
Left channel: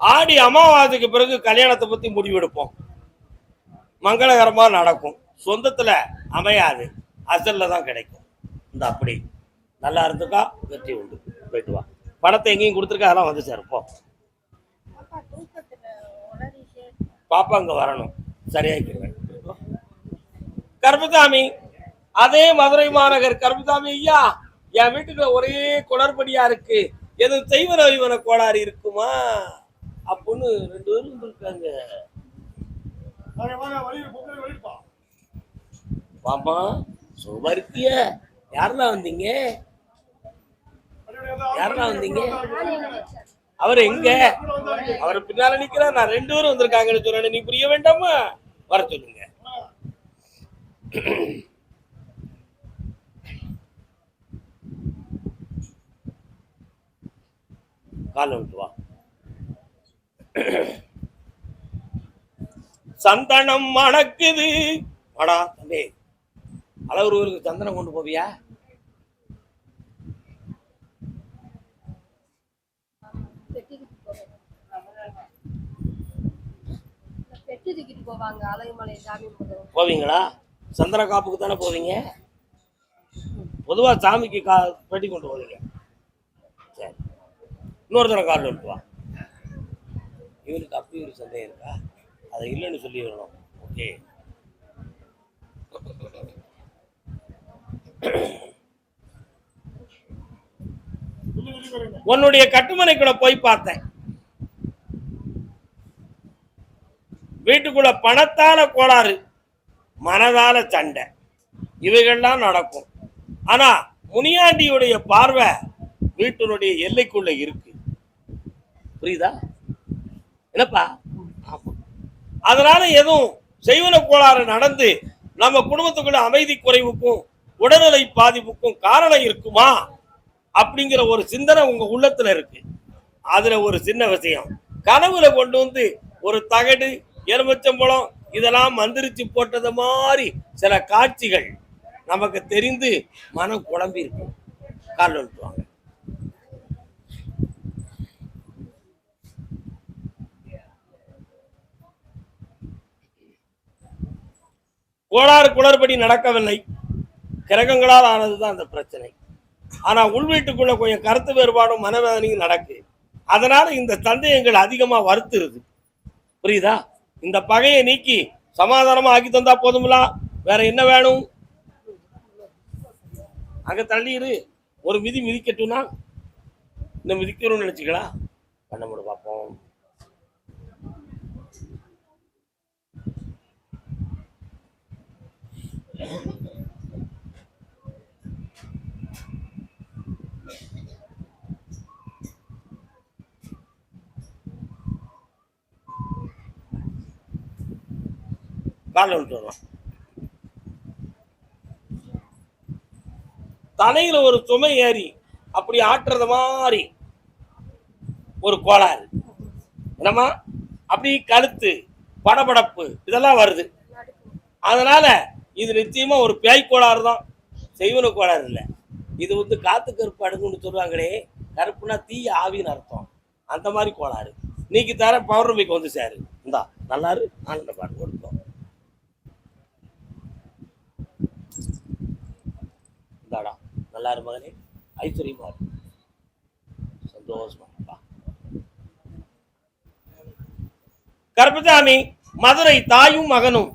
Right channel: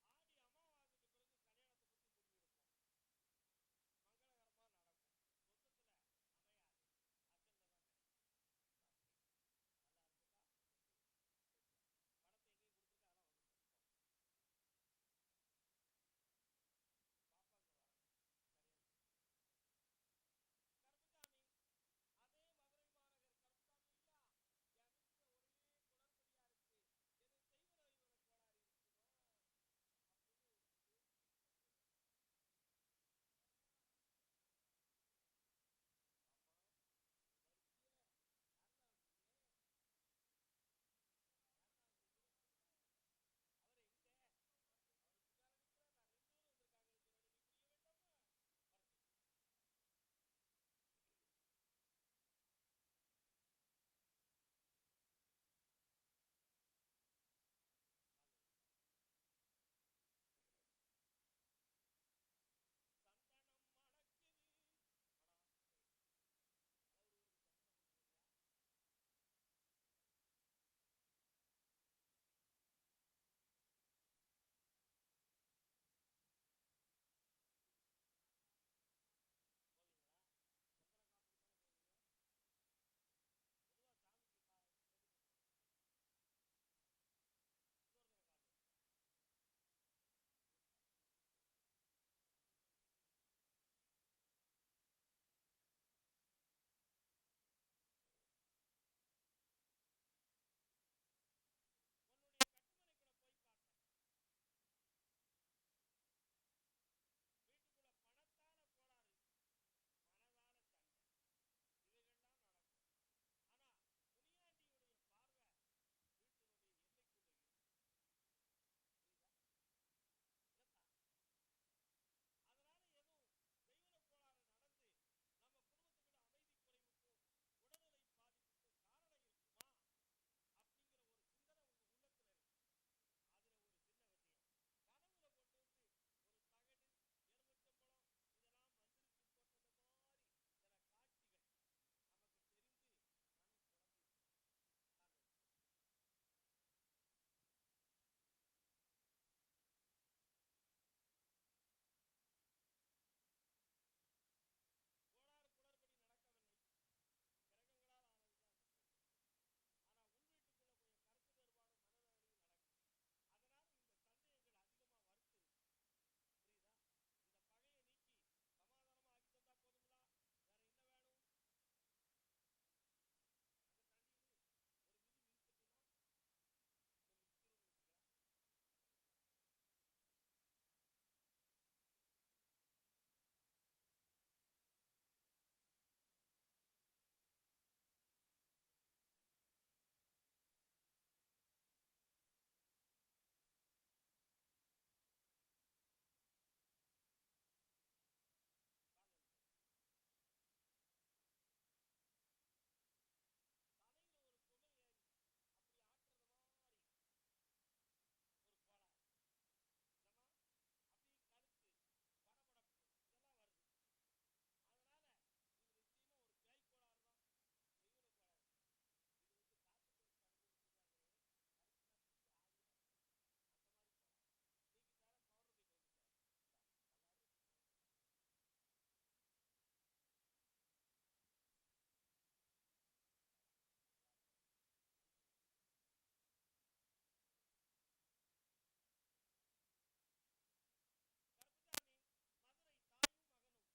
ஆடி அமாவாசைக்கு பிறகு கல்யாணத்தை பத்தி முடிவெடுப்போம். மங்களகரமா நடக்கும். சொந்தத்துல அமையாது, அசல்ல தான் கிடைக்கும். இந்த அப்படி நல்லா இருந்துக்கா, வெற்றி உண்டு. போயிட்டு வா. பணத்தை எங்கேயும் கொடுத்துருக்கா, அதெல்லாம் வந்து சேர்ப்போம். பாப்பா அங்க வரணும், சரியாக்கிடுவேன். கருப்பசாமி, அதே மதுரை மாநகர் கருப்பசாமி ஐயா, என் வீட்டுக்குள்ள ஒரே குளறுபடியா இருக்கு, எதுவும் செய்வன வைவன கோளாறு இருக்குமா அப்படின்னு 2 பேரும் இருக்காங்க. பாப்பா சுபர்த்திய யாரெல்லாம் வந்தீங்க? யாரெல்லாம் வந்தீங்க? அவர் எங்க? அவர் பின்னால நிக்கிறார். நான் 2 பேரும் வந்திருக்காங்கன்னு சொன்னேன். நீ புரிய வேண்டாமா? வர சொல்லுங்க. கால விட்டு வா. சந்தனம் மணக்குது. வாடா தம்பி, அளவுருக்கு சந்தனம் கொண்டு போவியா? போவீங்களா? சந்தன காப்புக்கு தானே போவீங்க? பொதுவா சாமிக்கு பெட்டி கொண்டு போவீங்க. சரி, இன்னொரு தடவை கார்டு விட்டு வா. இவனுக்கு அப்படி ஒரு சந்தேகம் இருக்கா? அதை இல்லைன்னு சொல்லி வரணும். ஓகே, உன்னுடைய கட்டுமனைக்குள்ள போய் பார்த்தேன். வீட்டுக்குள்ள பணத்தால கோளாறு, மனதால சண்டை, இவைகள்லாம் நடக்கும். ஆனா முனியாண்டியுடைய பார்வை வீட்டினுடைய எல்லைக்குள்ள இருக்கு. புரியுதா? என்னப்பா? அதனால எதுவும் செய்வன கோளாறு நடந்து நம்ம குடும்பத்துக்குள்ள அமைதி குறைவுக்கும் உடல்நிலை பாதிப்புக்கும் காரணம் இருக்குமா அப்படிங்கிற ஒரு சிந்தனை உங்க உள்ளத்துல இருக்கு. அதுல ஒரு சின்ன விஷயம், கனவுல கொண்டு வந்து ஒரு தகடு, எலுமிச்சம்பழம் இதெல்லாம் மந்திரிச்சு போட்டது மாதிரி சில காட்சிகள் நமக்கு தெரிந்து மனம் குழம்பி இருக்கும். கால் விட்டுவாங்க. கோளாறு குளறுபடி நடக்கவில்லை, கிரகங்களால் ஆனதுதான் அந்த பிரச்சனை. ஆனா உள்வீட்டுக்குள்ள கொஞ்சம் கருத்து வேறுபாடும் மனவேதனையும் நடக்கு. அதனால இந்த சந்தேகங்கள் அதிகமா வருத்துருது. புரியுதா? இந்த பகையை நீக்கி சமாதானமா ஆக்கி தந்தா போதுங்களா? வேற என்ன வேணும்? அங்க தள்ளிடு. ஒரு மிதி மிதிக்கட்டும்னா இந்த மிதிக்கணும்னு நினைச்சுக்கலாம். பண்ண முடியும், பார்ப்போம். கால விட்டு வரலாம். தலையில ஒரு சுமை ஏறி அப்படி ஆட்டுறது மாதிரி ஒரு கோளாறு, என்னமா அப்படி கழுத்து படபடப்பு இதெல்லாம் வருது. அதனால இது நிச்சயமா ஒரு பேய் கோளாறு தான், செய்வன கோளாறு இல்லை. இது வந்து காத்து கருப்பு அடுக்குன்னு சொல்றாங்களே, கருப்புனா தீ ஆவின்னு அர்த்தம். அந்த மாதிரி கோளாறு. நீக்கு தர பௌர்ணமிக்கு வந்து சேரு. இந்தா நல்லாரு ஆனந்த பாடு கொடுத்தோம். இந்தாடா நல்லாரு மகனே, ஐஸ்வர்யமா இரு, சந்தோஷமா இருப்பா. கருப்பசாமி மதுரை தாயும் மகனும்.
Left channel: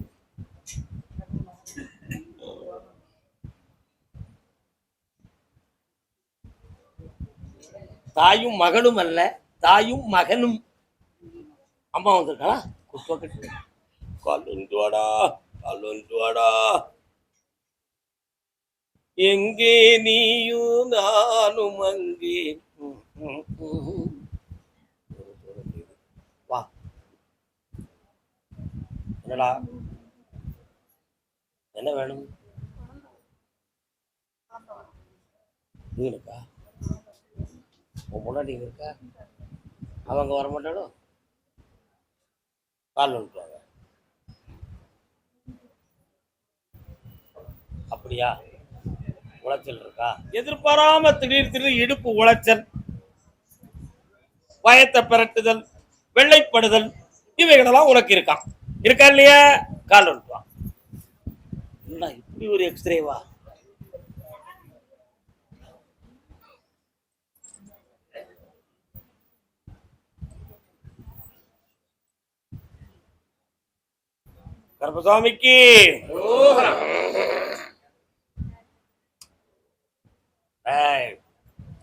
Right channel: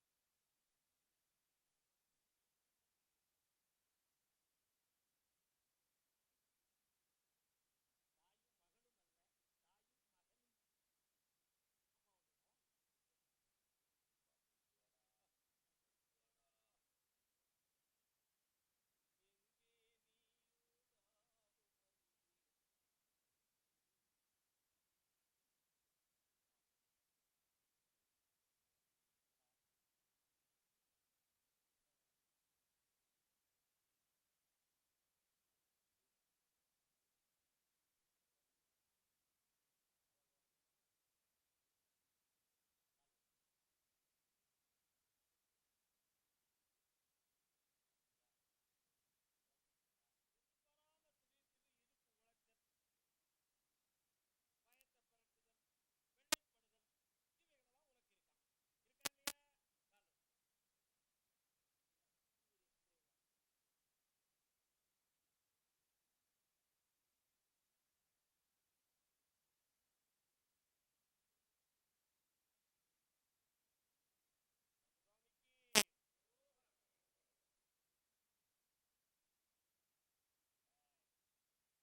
தாயும் மகனும் அல்ல, தாயும் மகனும். அம்மா வந்திருக்காளா? குப்பை கட்டு கால் வந்து வாடா, கால் வந்து வாடா. எங்கே நீயும் நானும் அங்கே. வா. என்னடா என்ன வேணும்? இருக்கா உன் முன்னாடி இருக்கா? அவங்க வர மாட்டாளோ? கால் வந்துட்டாங்க. அப்படியா? உளைச்சல் இருக்கா? எதிர்பாராம திடீர் இடுப்பு உளைச்சல், பயத்தை பிரட்டுதல், வெள்ளைப்படுதல், இவைகளெல்லாம் உனக்கு இருக்கான். இருக்கா இல்லையா? கால் வந்துட்டான். என்ன இப்படி ஒரு எக்ஸ்ரேவா? கருப்பசாமிக்கு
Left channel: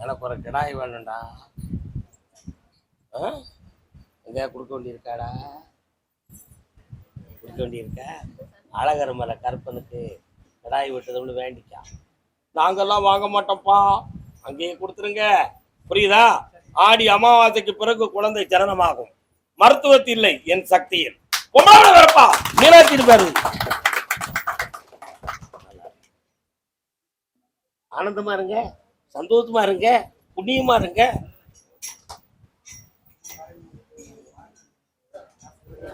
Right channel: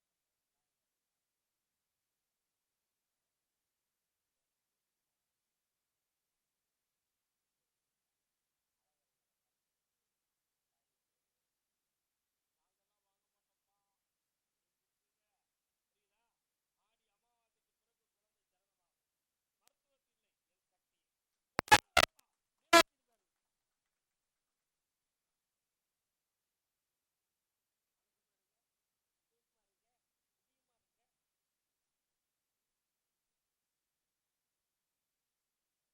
எனக்கு ஒரு கிடாய் வேணும்டா. எங்க கொடுக்க வேண்டியிருக்காடா? கொடுக்க வேண்டியிருக்க? அழகர் மலை கருப்பனுக்கு கிடாய் விட்டதுன்னு வேண்டிக்கா. நாங்கெல்லாம் வாங்க மாட்டோம்ப்பா, அங்கேயே கொடுத்துருங்க. புரியுதா? ஆடி அமாவாசைக்கு பிறகு குழந்தை ஜனனமாகும். மருத்துவத்தில் இல்லை, என் சக்தியில். வரப்பா மீனாட்சி பாரு. ஆனந்தமா இருங்க, சந்தோஷமா இருங்க, புண்ணியமா இருங்க.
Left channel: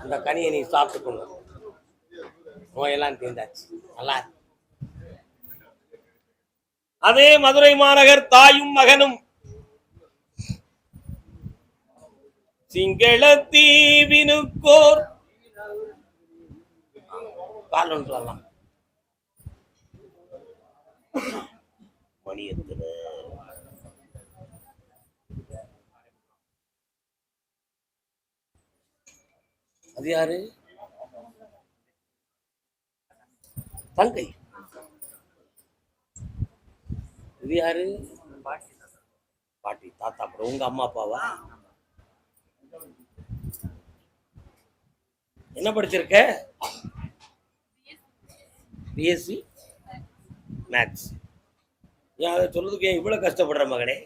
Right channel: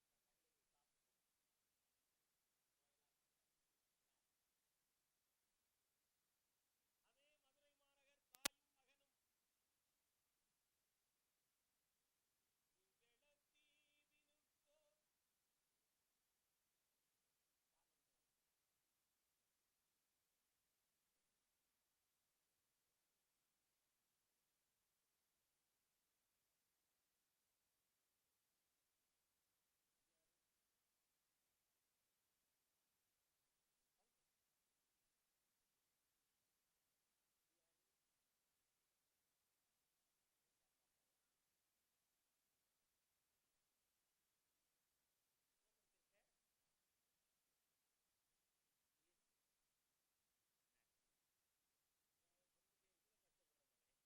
இந்த கனியை நீ சாப்பிட்டுக்கணும். நோயெல்லாம் தீர்ந்தாச்சு. நல்லா. அதே மதுரை மாநகர் தாயும் மகனும். சிங்கள தீவினுக்கோர் கால் ஒன்று வரலாம். மணியத்துல அது யாரு? தங்கை. இது யாரு? பாட்டி தாத்தா. அப்புறம் உங்க அம்மா அப்பாவா? என்ன படிச்சிருக்க? BSc maths. ஏன் அதை சொல்றதுக்கு ஏன் இவ்வளவு கஷ்டப்படுற மகனே?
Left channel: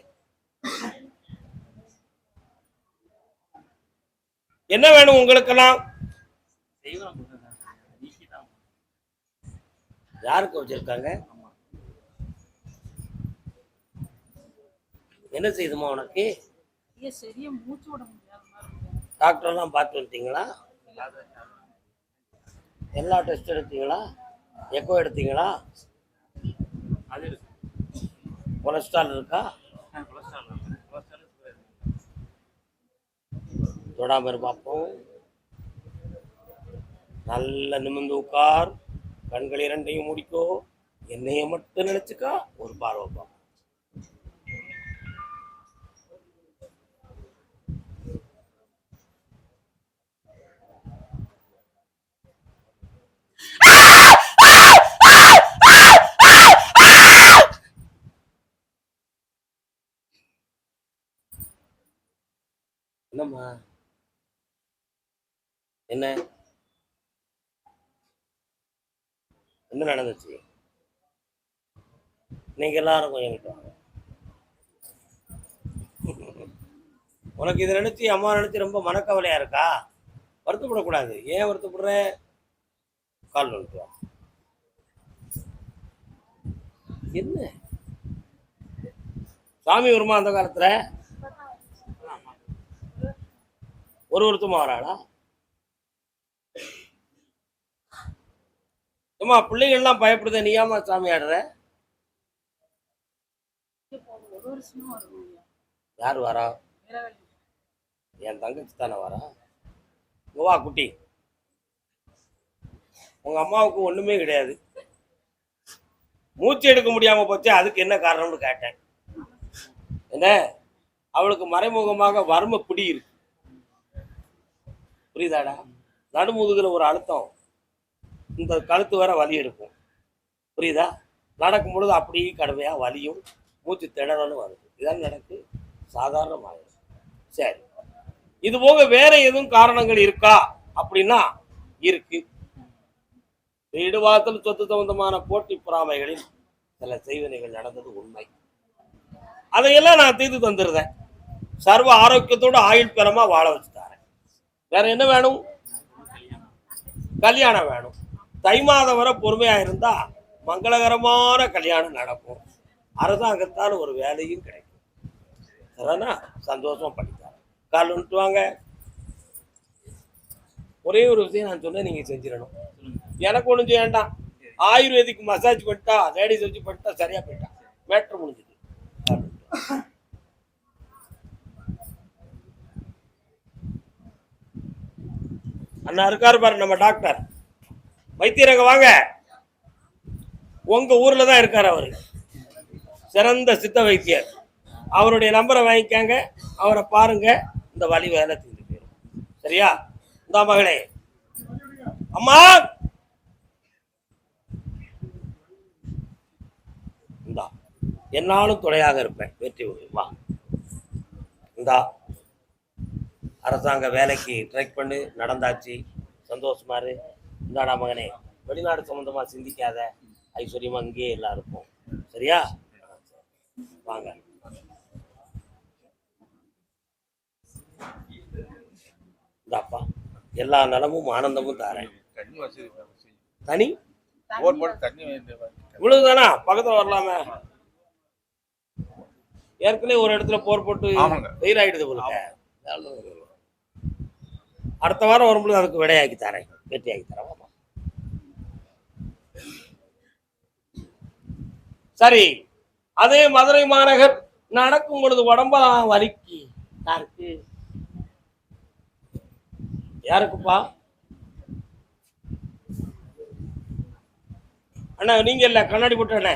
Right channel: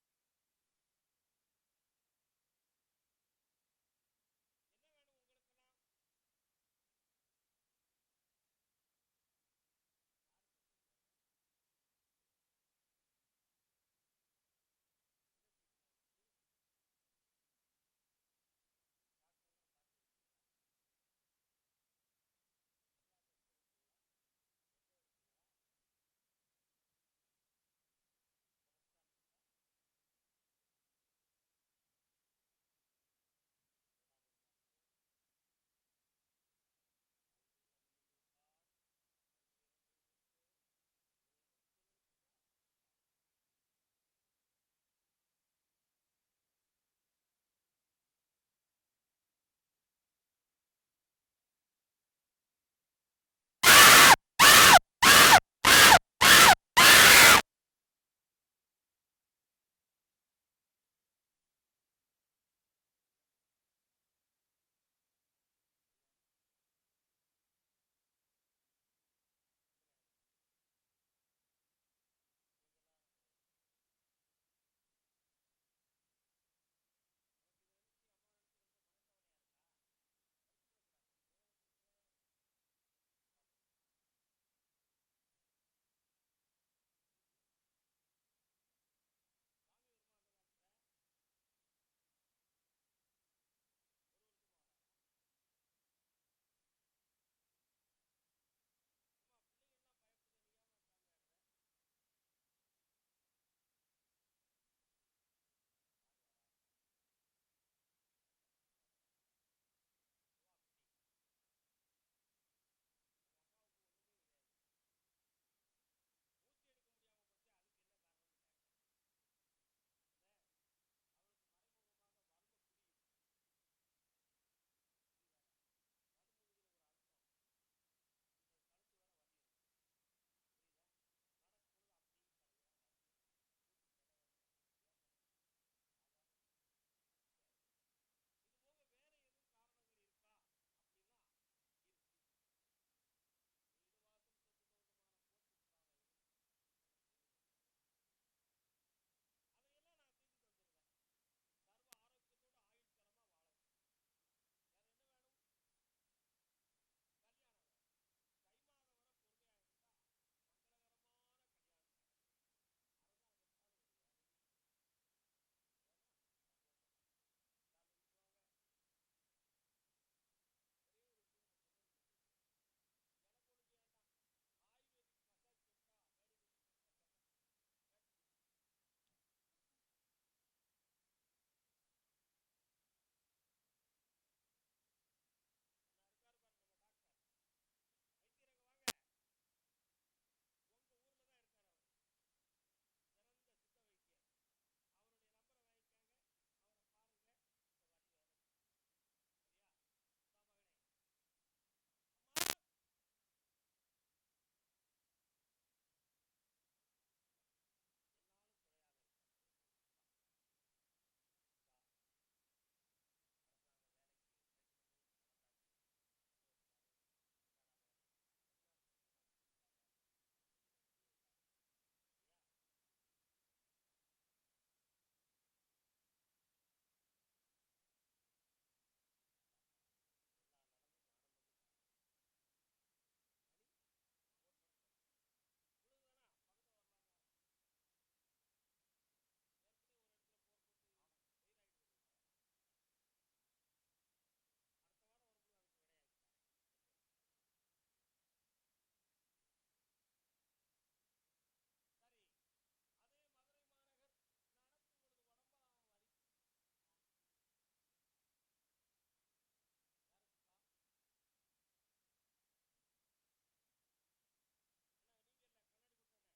என்ன வேணும் உங்களுக்கெல்லாம்? யாருக்கு வச்சிருக்காங்க? என்ன செய்யுதுமா உனக்கு? டாக்டர் எல்லாம் பார்த்து வந்துட்டீங்களா? எல்லா டெஸ்ட் எடுத்தீங்களா? எக்கோ எடுத்தீங்களா? கொலஸ்ட்ரால் இருக்கா? தொடாம பார்ப்போம். நல்ல நிமிர்ந்து உட்கார், கண்கள் இரண்டையும் முடிக்கோ, என்னைய மட்டும் நினைச்சுக்கா, ஒரு பார்வை பார்ப்போம். என்னம்மா என்ன என்ன நடந்துச்சு? நீங்க எல்லாரும் கொஞ்சம் கிட்ட உனக்கு இதை நினைச்சு அம்மா நினைச்சு ரொம்ப மனக்கவலையா இருக்கா? வருத்தப்படக்கூடாது. ஏன் வருத்தப்படுற? கால் வந்துட்டு என்ன சாமி வருமா அந்த காலத்துல? ஒருத்தமா வராளா? அம்மா பிள்ளைகள்லாம் பயப்படுத, நீ ஏமா சாமி ஆடுற? யார் வரா? என் தங்கச்சி தானே வரா. இங்க வா குட்டி. உங்க அம்மாவுக்கு ஒண்ணுமே கிடையாது, மூச்சு எடுக்க முடியாம போச்சு, அதுக்கு என்ன காரணம்னு கேட்டேன். என்ன, அவளுக்கு மறைமுகமாக வறுமை பிடி இருக்கு, புரியுதாடா? நடுமுதுகுல ஒரு அழுத்தம், இந்த கழுத்து வர வலி இருக்கும், புரியுதா? நடக்கும் பொழுது அப்படியே கடுமையா வலியும் மூச்சு திணறலும் வருது. இதான் நடக்கு, சாதாரணமாக. சரி, இது போக வேற எதுவும் காரணங்கள் இருக்கா அப்படின்னா இருக்கு. வீடு வாசல் சொத்து சம்பந்தமான போட்டி பொறாமைகளில் சில செய்வனைகள் நடந்தது உண்மை. அதையெல்லாம் நான் தீர்த்து தந்துருந்தேன். சர்வ ஆரோக்கியத்தோடு ஆயுள் பெறமா வாழ வச்சுட்டாரேன். வேற என்ன வேணும்? கல்யாணம் வேணும். தை மாதம் வரை பொறுமையா இருந்தா மங்களகரமான கல்யாணம் நடக்கும். அரசாங்கத்தால் ஒரு வேலையும் கிடைக்கும். சரினா? சந்தோஷமா படித்தார். கால் வந்துட்டு வாங்க. ஒரே ஒரு விஷயம் நான் சொன்னேன், நீங்க செஞ்சிடணும். எனக்கு ஒண்ணும் செய்ய வேண்டாம். ஆயுர்வேதிக் மசாஜ் பண்ணிட்டா, லேடிஸ் வச்சு பண்ணிட்டா சரியா போயிட்டான், மேட்ரு முடிஞ்சுது. அண்ணா இருக்காரு பாரு நம்ம டாக்டர் வைத்தியரங்க, வாங்க. உங்க ஊர்ல தான் இருக்காரு அவரு, சிறந்த சித்த வைத்தியர். அவருடைய நம்பரை வாங்கிக்காங்க, அவரை பாருங்க, இந்த வலி வேலை தீர்ந்து போயிடும். சரியா? இந்த மகளே, அம்மா இந்தா, என்னாலும் துணையாக இருப்பேன், வெற்றி வா. இந்தா, அரசாங்க வேலைக்கு ட்ரை பண்ணு, நடந்தாச்சு, சந்தோஷமா இரு. இந்தாடா மகனே, வெளிநாடு சம்பந்தமா சிந்திக்காத, ஐஸ்வர்யமா இங்கேயே எல்லாம் இருப்போம். சரியா? வாங்க. இந்தாப்பா, எல்லா நலமும் ஆனந்தமும் தாரேன். தனி இவ்வளவுதானா? பக்கத்துல வரலாமே. ஏற்கனவே ஒரு இடத்துல போர் போட்டு வெயில் ஆயிடுது போல. அடுத்த வாரம் வரும்போது அதுக்கு விடையாக்கி தரேன், வெற்றியாக்கி தரேன். சரி, அதே மதுரை மாநகர் நடக்கும் பொழுது உடம்பா வலிக்கு யாருக்கு? யாருக்குப்பா? அண்ணா நீங்க இல்ல, கண்ணாடி போட்டு அண்ணே,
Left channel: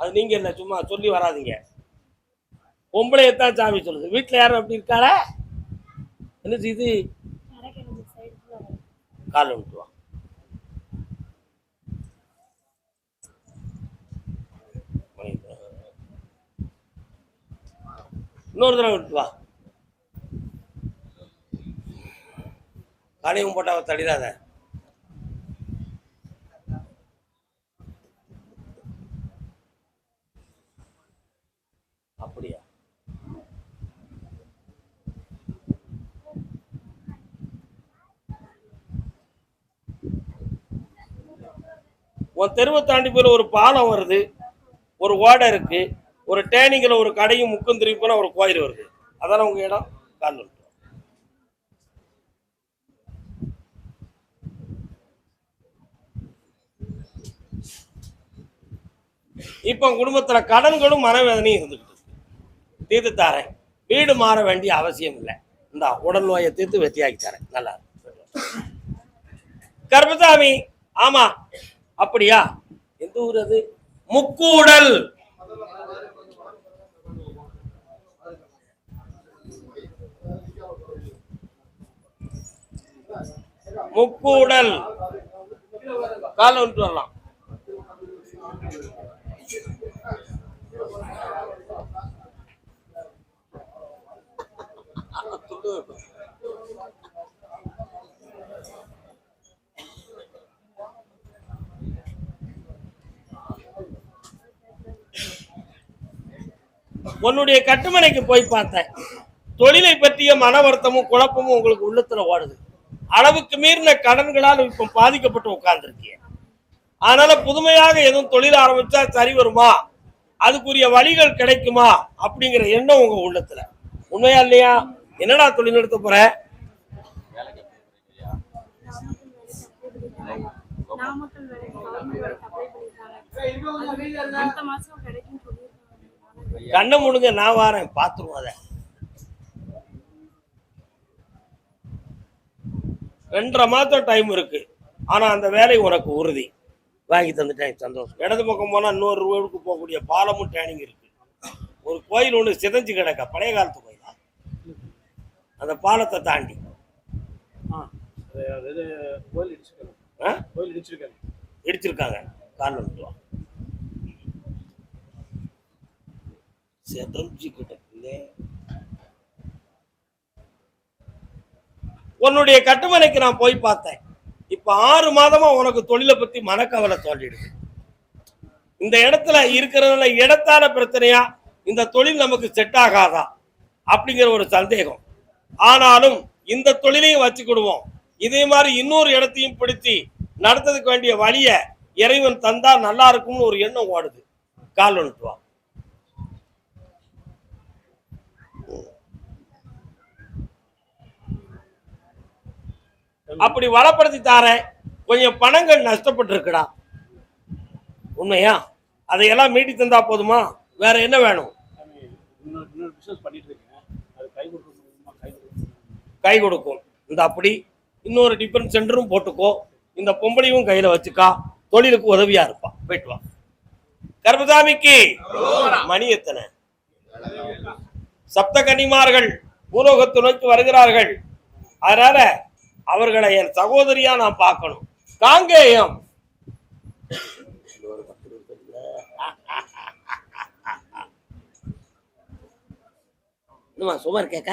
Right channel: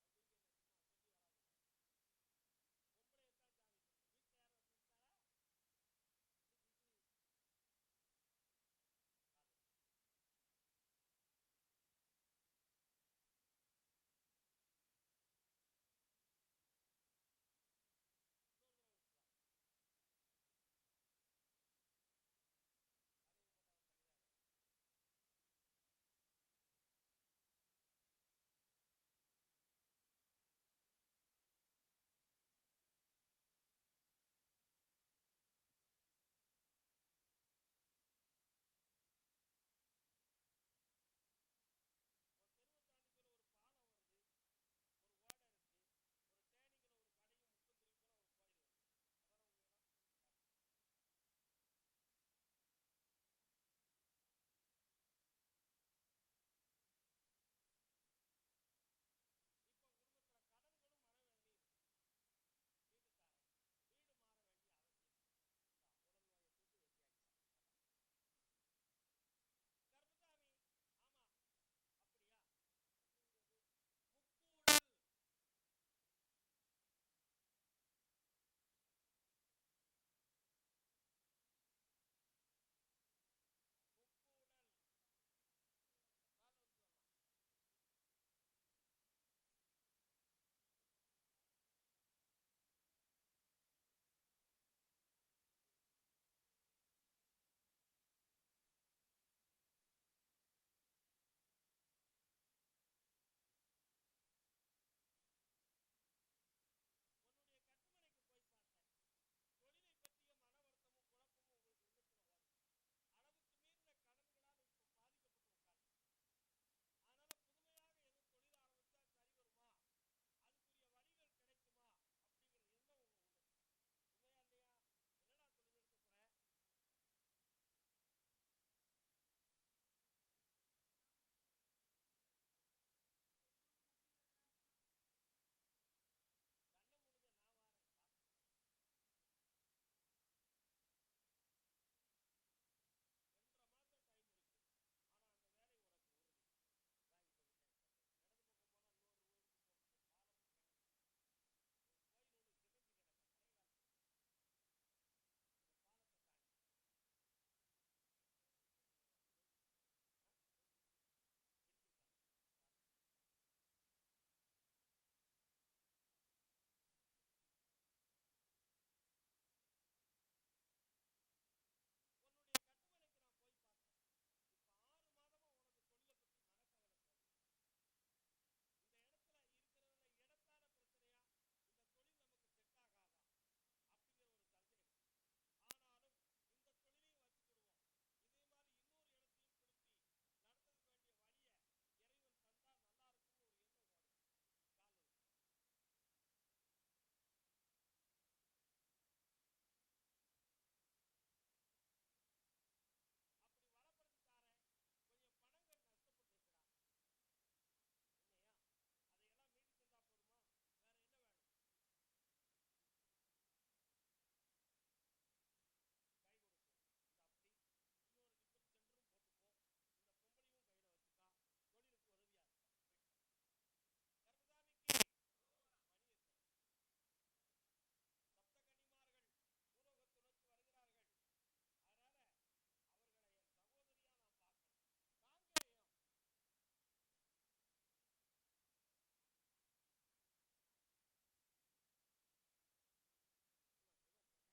அது நீங்க இல்ல, சும்மா சொல்லி வராதிங்க. பொம்பளையத்தான் சாமி சொல்லுது. வீட்டுல யாரும் அப்படி இருக்காளா? என்ன செய்து? கால் விட்டு வா. இன்னொரு தடவை விட்டு வா. காலையும் போட்டா தடிடாத. அப்படியா? உன் தெருவை தாண்டி போய் ஒரு பாலம் வருது, ஒரு ஓடை இருக்கு, ஒரு டேனிங்கில் ஒரு கடையும் முக்கும் திரும்பி போனா ஒரு கோயில் வருது. அதான உங்க இடம்? கால். இப்ப குடும்பத்துல கடன்களும் மனவேதனையும் இருந்துகிட்டு தீர்த்து தாரேன். வீடு மாற வேண்டிய அவசியம் இல்லை. இந்த உடல் நோயை தீர்த்து வெற்றியாக்கி தரேன். நல்லா கர்மசாமி. ஆமா, அப்படியா? எந்த ஊர் அது? முக்கூடல். முக்கூடல். கால விட்டு வரலாம். உன்னுடைய கட்டுமனைக்கு போய் பார்த்தேன். தொழிலை பற்றிய மன வருத்தமும் குழப்பமும் உங்களுக்கு உள்ளத்துல ஓடுது. அளவுக்கு மீறின கடன்களால் இப்ப பாதிக்கப்பட்டு உட்கார்ந்துருக்கீங்க. அதனால புதுமையாக எதுவும் தொழில் ஆரம்பிச்சா சரி வருமா, அதுக்குரிய வழிகள் கிடைக்குமா அப்படிங்கிற எண்ணம் உங்க உள்ளத்துல. உண்மையா இல்லையா? என்னடா தொழில் நடத்த போற? கண்ணை முடுங்க, நான் வாரேன், பாத்துருவோம். அதை 2.5 மாதம் டைம் இருக்கு. ஆனா அந்த வேலை உனக்கு உறுதி. வாங்கி தந்துட்டேன், சந்தோஷம். இடது பக்கம் போனா இன்னொரு ரோடுக்கு போகக்கூடிய பாலமும் ட்ரைனிங் இருக்கு. ஒரு கோயில் ஒன்று சிதைஞ்சு கிடக்க, பழைய காலத்து கோயிலா, அந்த பாலத்தை தாண்டி கோயில் இடிச்சிருக்காங்க. கோயில் இடிச்சிருக்காங்க. இடிச்சிருக்காங்க. காரணம் சிதைஞ்சு கிடக்குலே. உன்னுடைய கட்டுமனைக்கு நான் போய் பார்த்தேன். இப்ப 6 மாதமா உனக்கு தொழிலை பத்தி மனக்கவலை தோன்றிடுது. இந்த இடத்துல இருக்கிறதுல இடத்தான பிரச்சனையா, இந்த தொழில் நமக்கு செட் ஆகாதா அப்படிங்கிற ஒரு சந்தேகம். ஆனாலும் இந்த தொழிலையும் வச்சுக்கிடுவோம், இதே மாதிரி இன்னொரு இடத்தையும் பிடிச்சி நடத்துறதுக்கு வேண்டிய வழிய இறைவன் தந்தா நல்லா இருக்கும்னு ஒரு எண்ணம் ஓடுது. கால் ஒன்றுவா. அப்படி வளப்படுத்தி தாரேன். கொஞ்சம் பணங்கள் நஷ்டப்பட்டு இருக்குடா, உண்மையா? அதையெல்லாம் மீட்டி தந்தா போதுமா? வேற என்ன வேணும்? இன்னொரு பிசினஸ் பண்ணிட்டு இருக்கேன். அது கை கொடுக்கும். இந்த அப்படி இன்னொரு டிஃபன் சென்டரும் போட்டுக்கோ, இந்த பொம்பளையும் கையில வச்சுக்கா, தொழிலுக்கு உதவியா இருப்பா. போயிட்டு வா. கர்மசாமிக்கு மணி எத்தனை? சப்த கன்னிமார்கள் பூலோகத்து நோக்கி வருகிறார்கள். அதனால அவர்களை என் சகோதரியா நான் பார்க்கணும். காங்கேயம் சுமார் கேட்க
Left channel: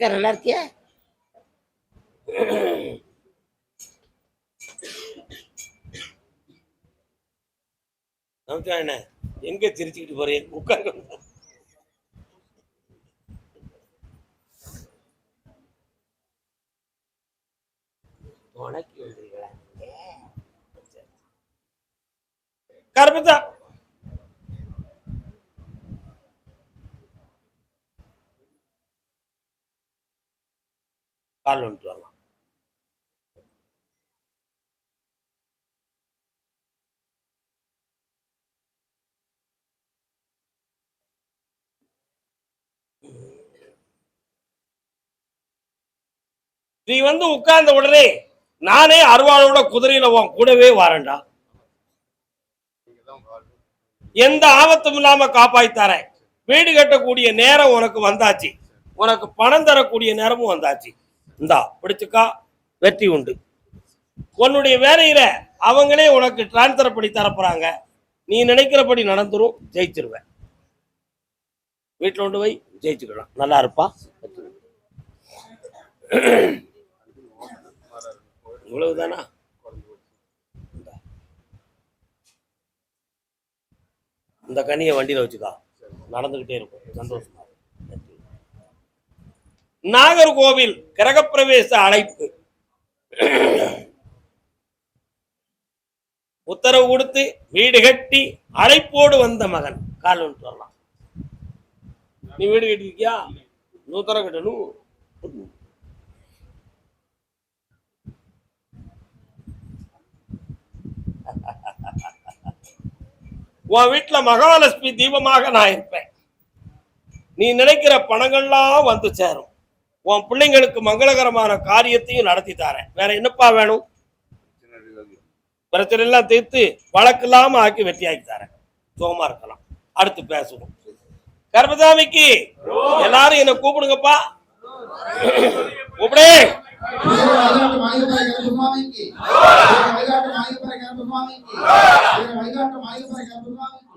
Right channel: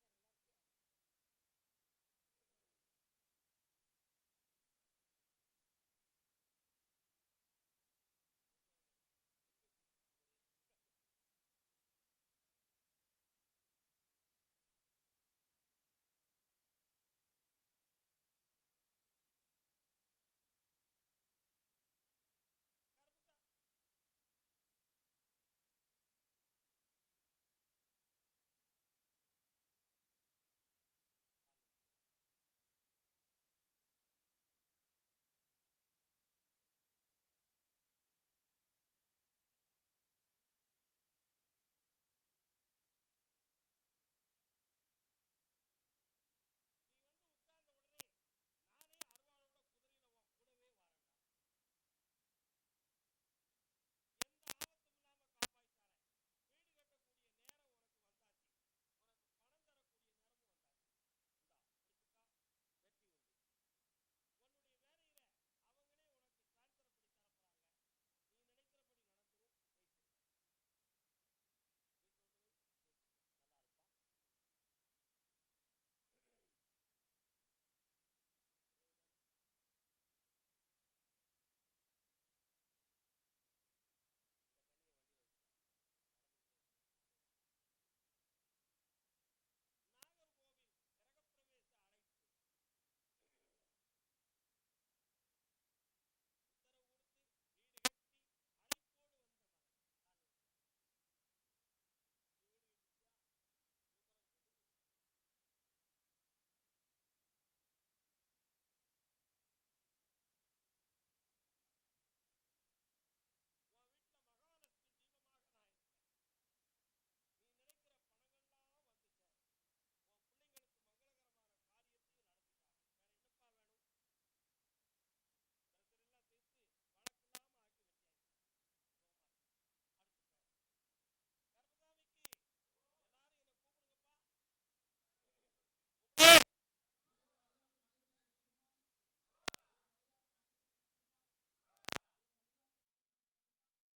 நல்லா இருக்கிய. என்ன எங்க சிரிச்சுக்கிட்டு போறேன்? உட்கார்ந்து கருப்பதா கால் வந்துட்டு வரலாம். நீ வந்து உட்கார்ந்த உடனே நானே அருவாளோட குதிரையில உன் கூடவே வரேன்டா. எந்த ஆபத்தும் இல்லாம காப்பாய்த்தாரேன். வீடு கட்டக்கூடிய நேரம் உனக்கு வந்தாச்சு, உனக்கு பணம் தரக்கூடிய நேரமும் வந்தாச்சு. இந்தா பிடிச்சுக்கா, வெற்றி உண்டு. உன்னுடைய வேலையில அவங்களே உனக்கு டிரான்ஸ்பர் பண்ணி தரப்போறாங்க. நீ நினைக்கிறபடி நடந்துரும், ஜெயிச்சிருவேன். வீட்டில் கொண்டு போய் ஜெயிச்சுக்கலாம். நல்லா இருப்பா. இவ்வளவுதானா? இந்த கனியை வண்டியில வச்சுக்கா, நடந்துகிட்டே இருக்கும். சந்தோஷமா. நாகர்கோவில் கிரகப்பிரவேச அழைப்பு உத்தரவு கொடுத்து வீடு கட்டி அழைப்போடு வந்த மகன். கால் ஒன்று வரலாம். நீ வீடு கட்டிருக்கியா? நூத்தர கட்டணும். உன் வீட்டுல மகாலட்சுமி தீபமாக நான் இருப்பேன். நீ நினைக்கிற பணங்கள்லாம் வந்து சேரும். உன் பிள்ளைங்களுக்கு மங்களகரமான காரியத்தையும் நடத்தி தரேன். வேற என்னப்பா வேணும்? பிரச்சனை எல்லாம் தீர்த்து வழக்கு இல்லாம ஆக்கி வெற்றியாக்கி தரேன். சுகமா இருக்கலாம். அடுத்து பேசுவோம். கர்மசாமிக்கு எல்லாரும் என்ன கூப்பிடுங்கப்பா. கூப்பிடு. வைகாட்டு மாயப்பரை கருப்பசாமிக்கு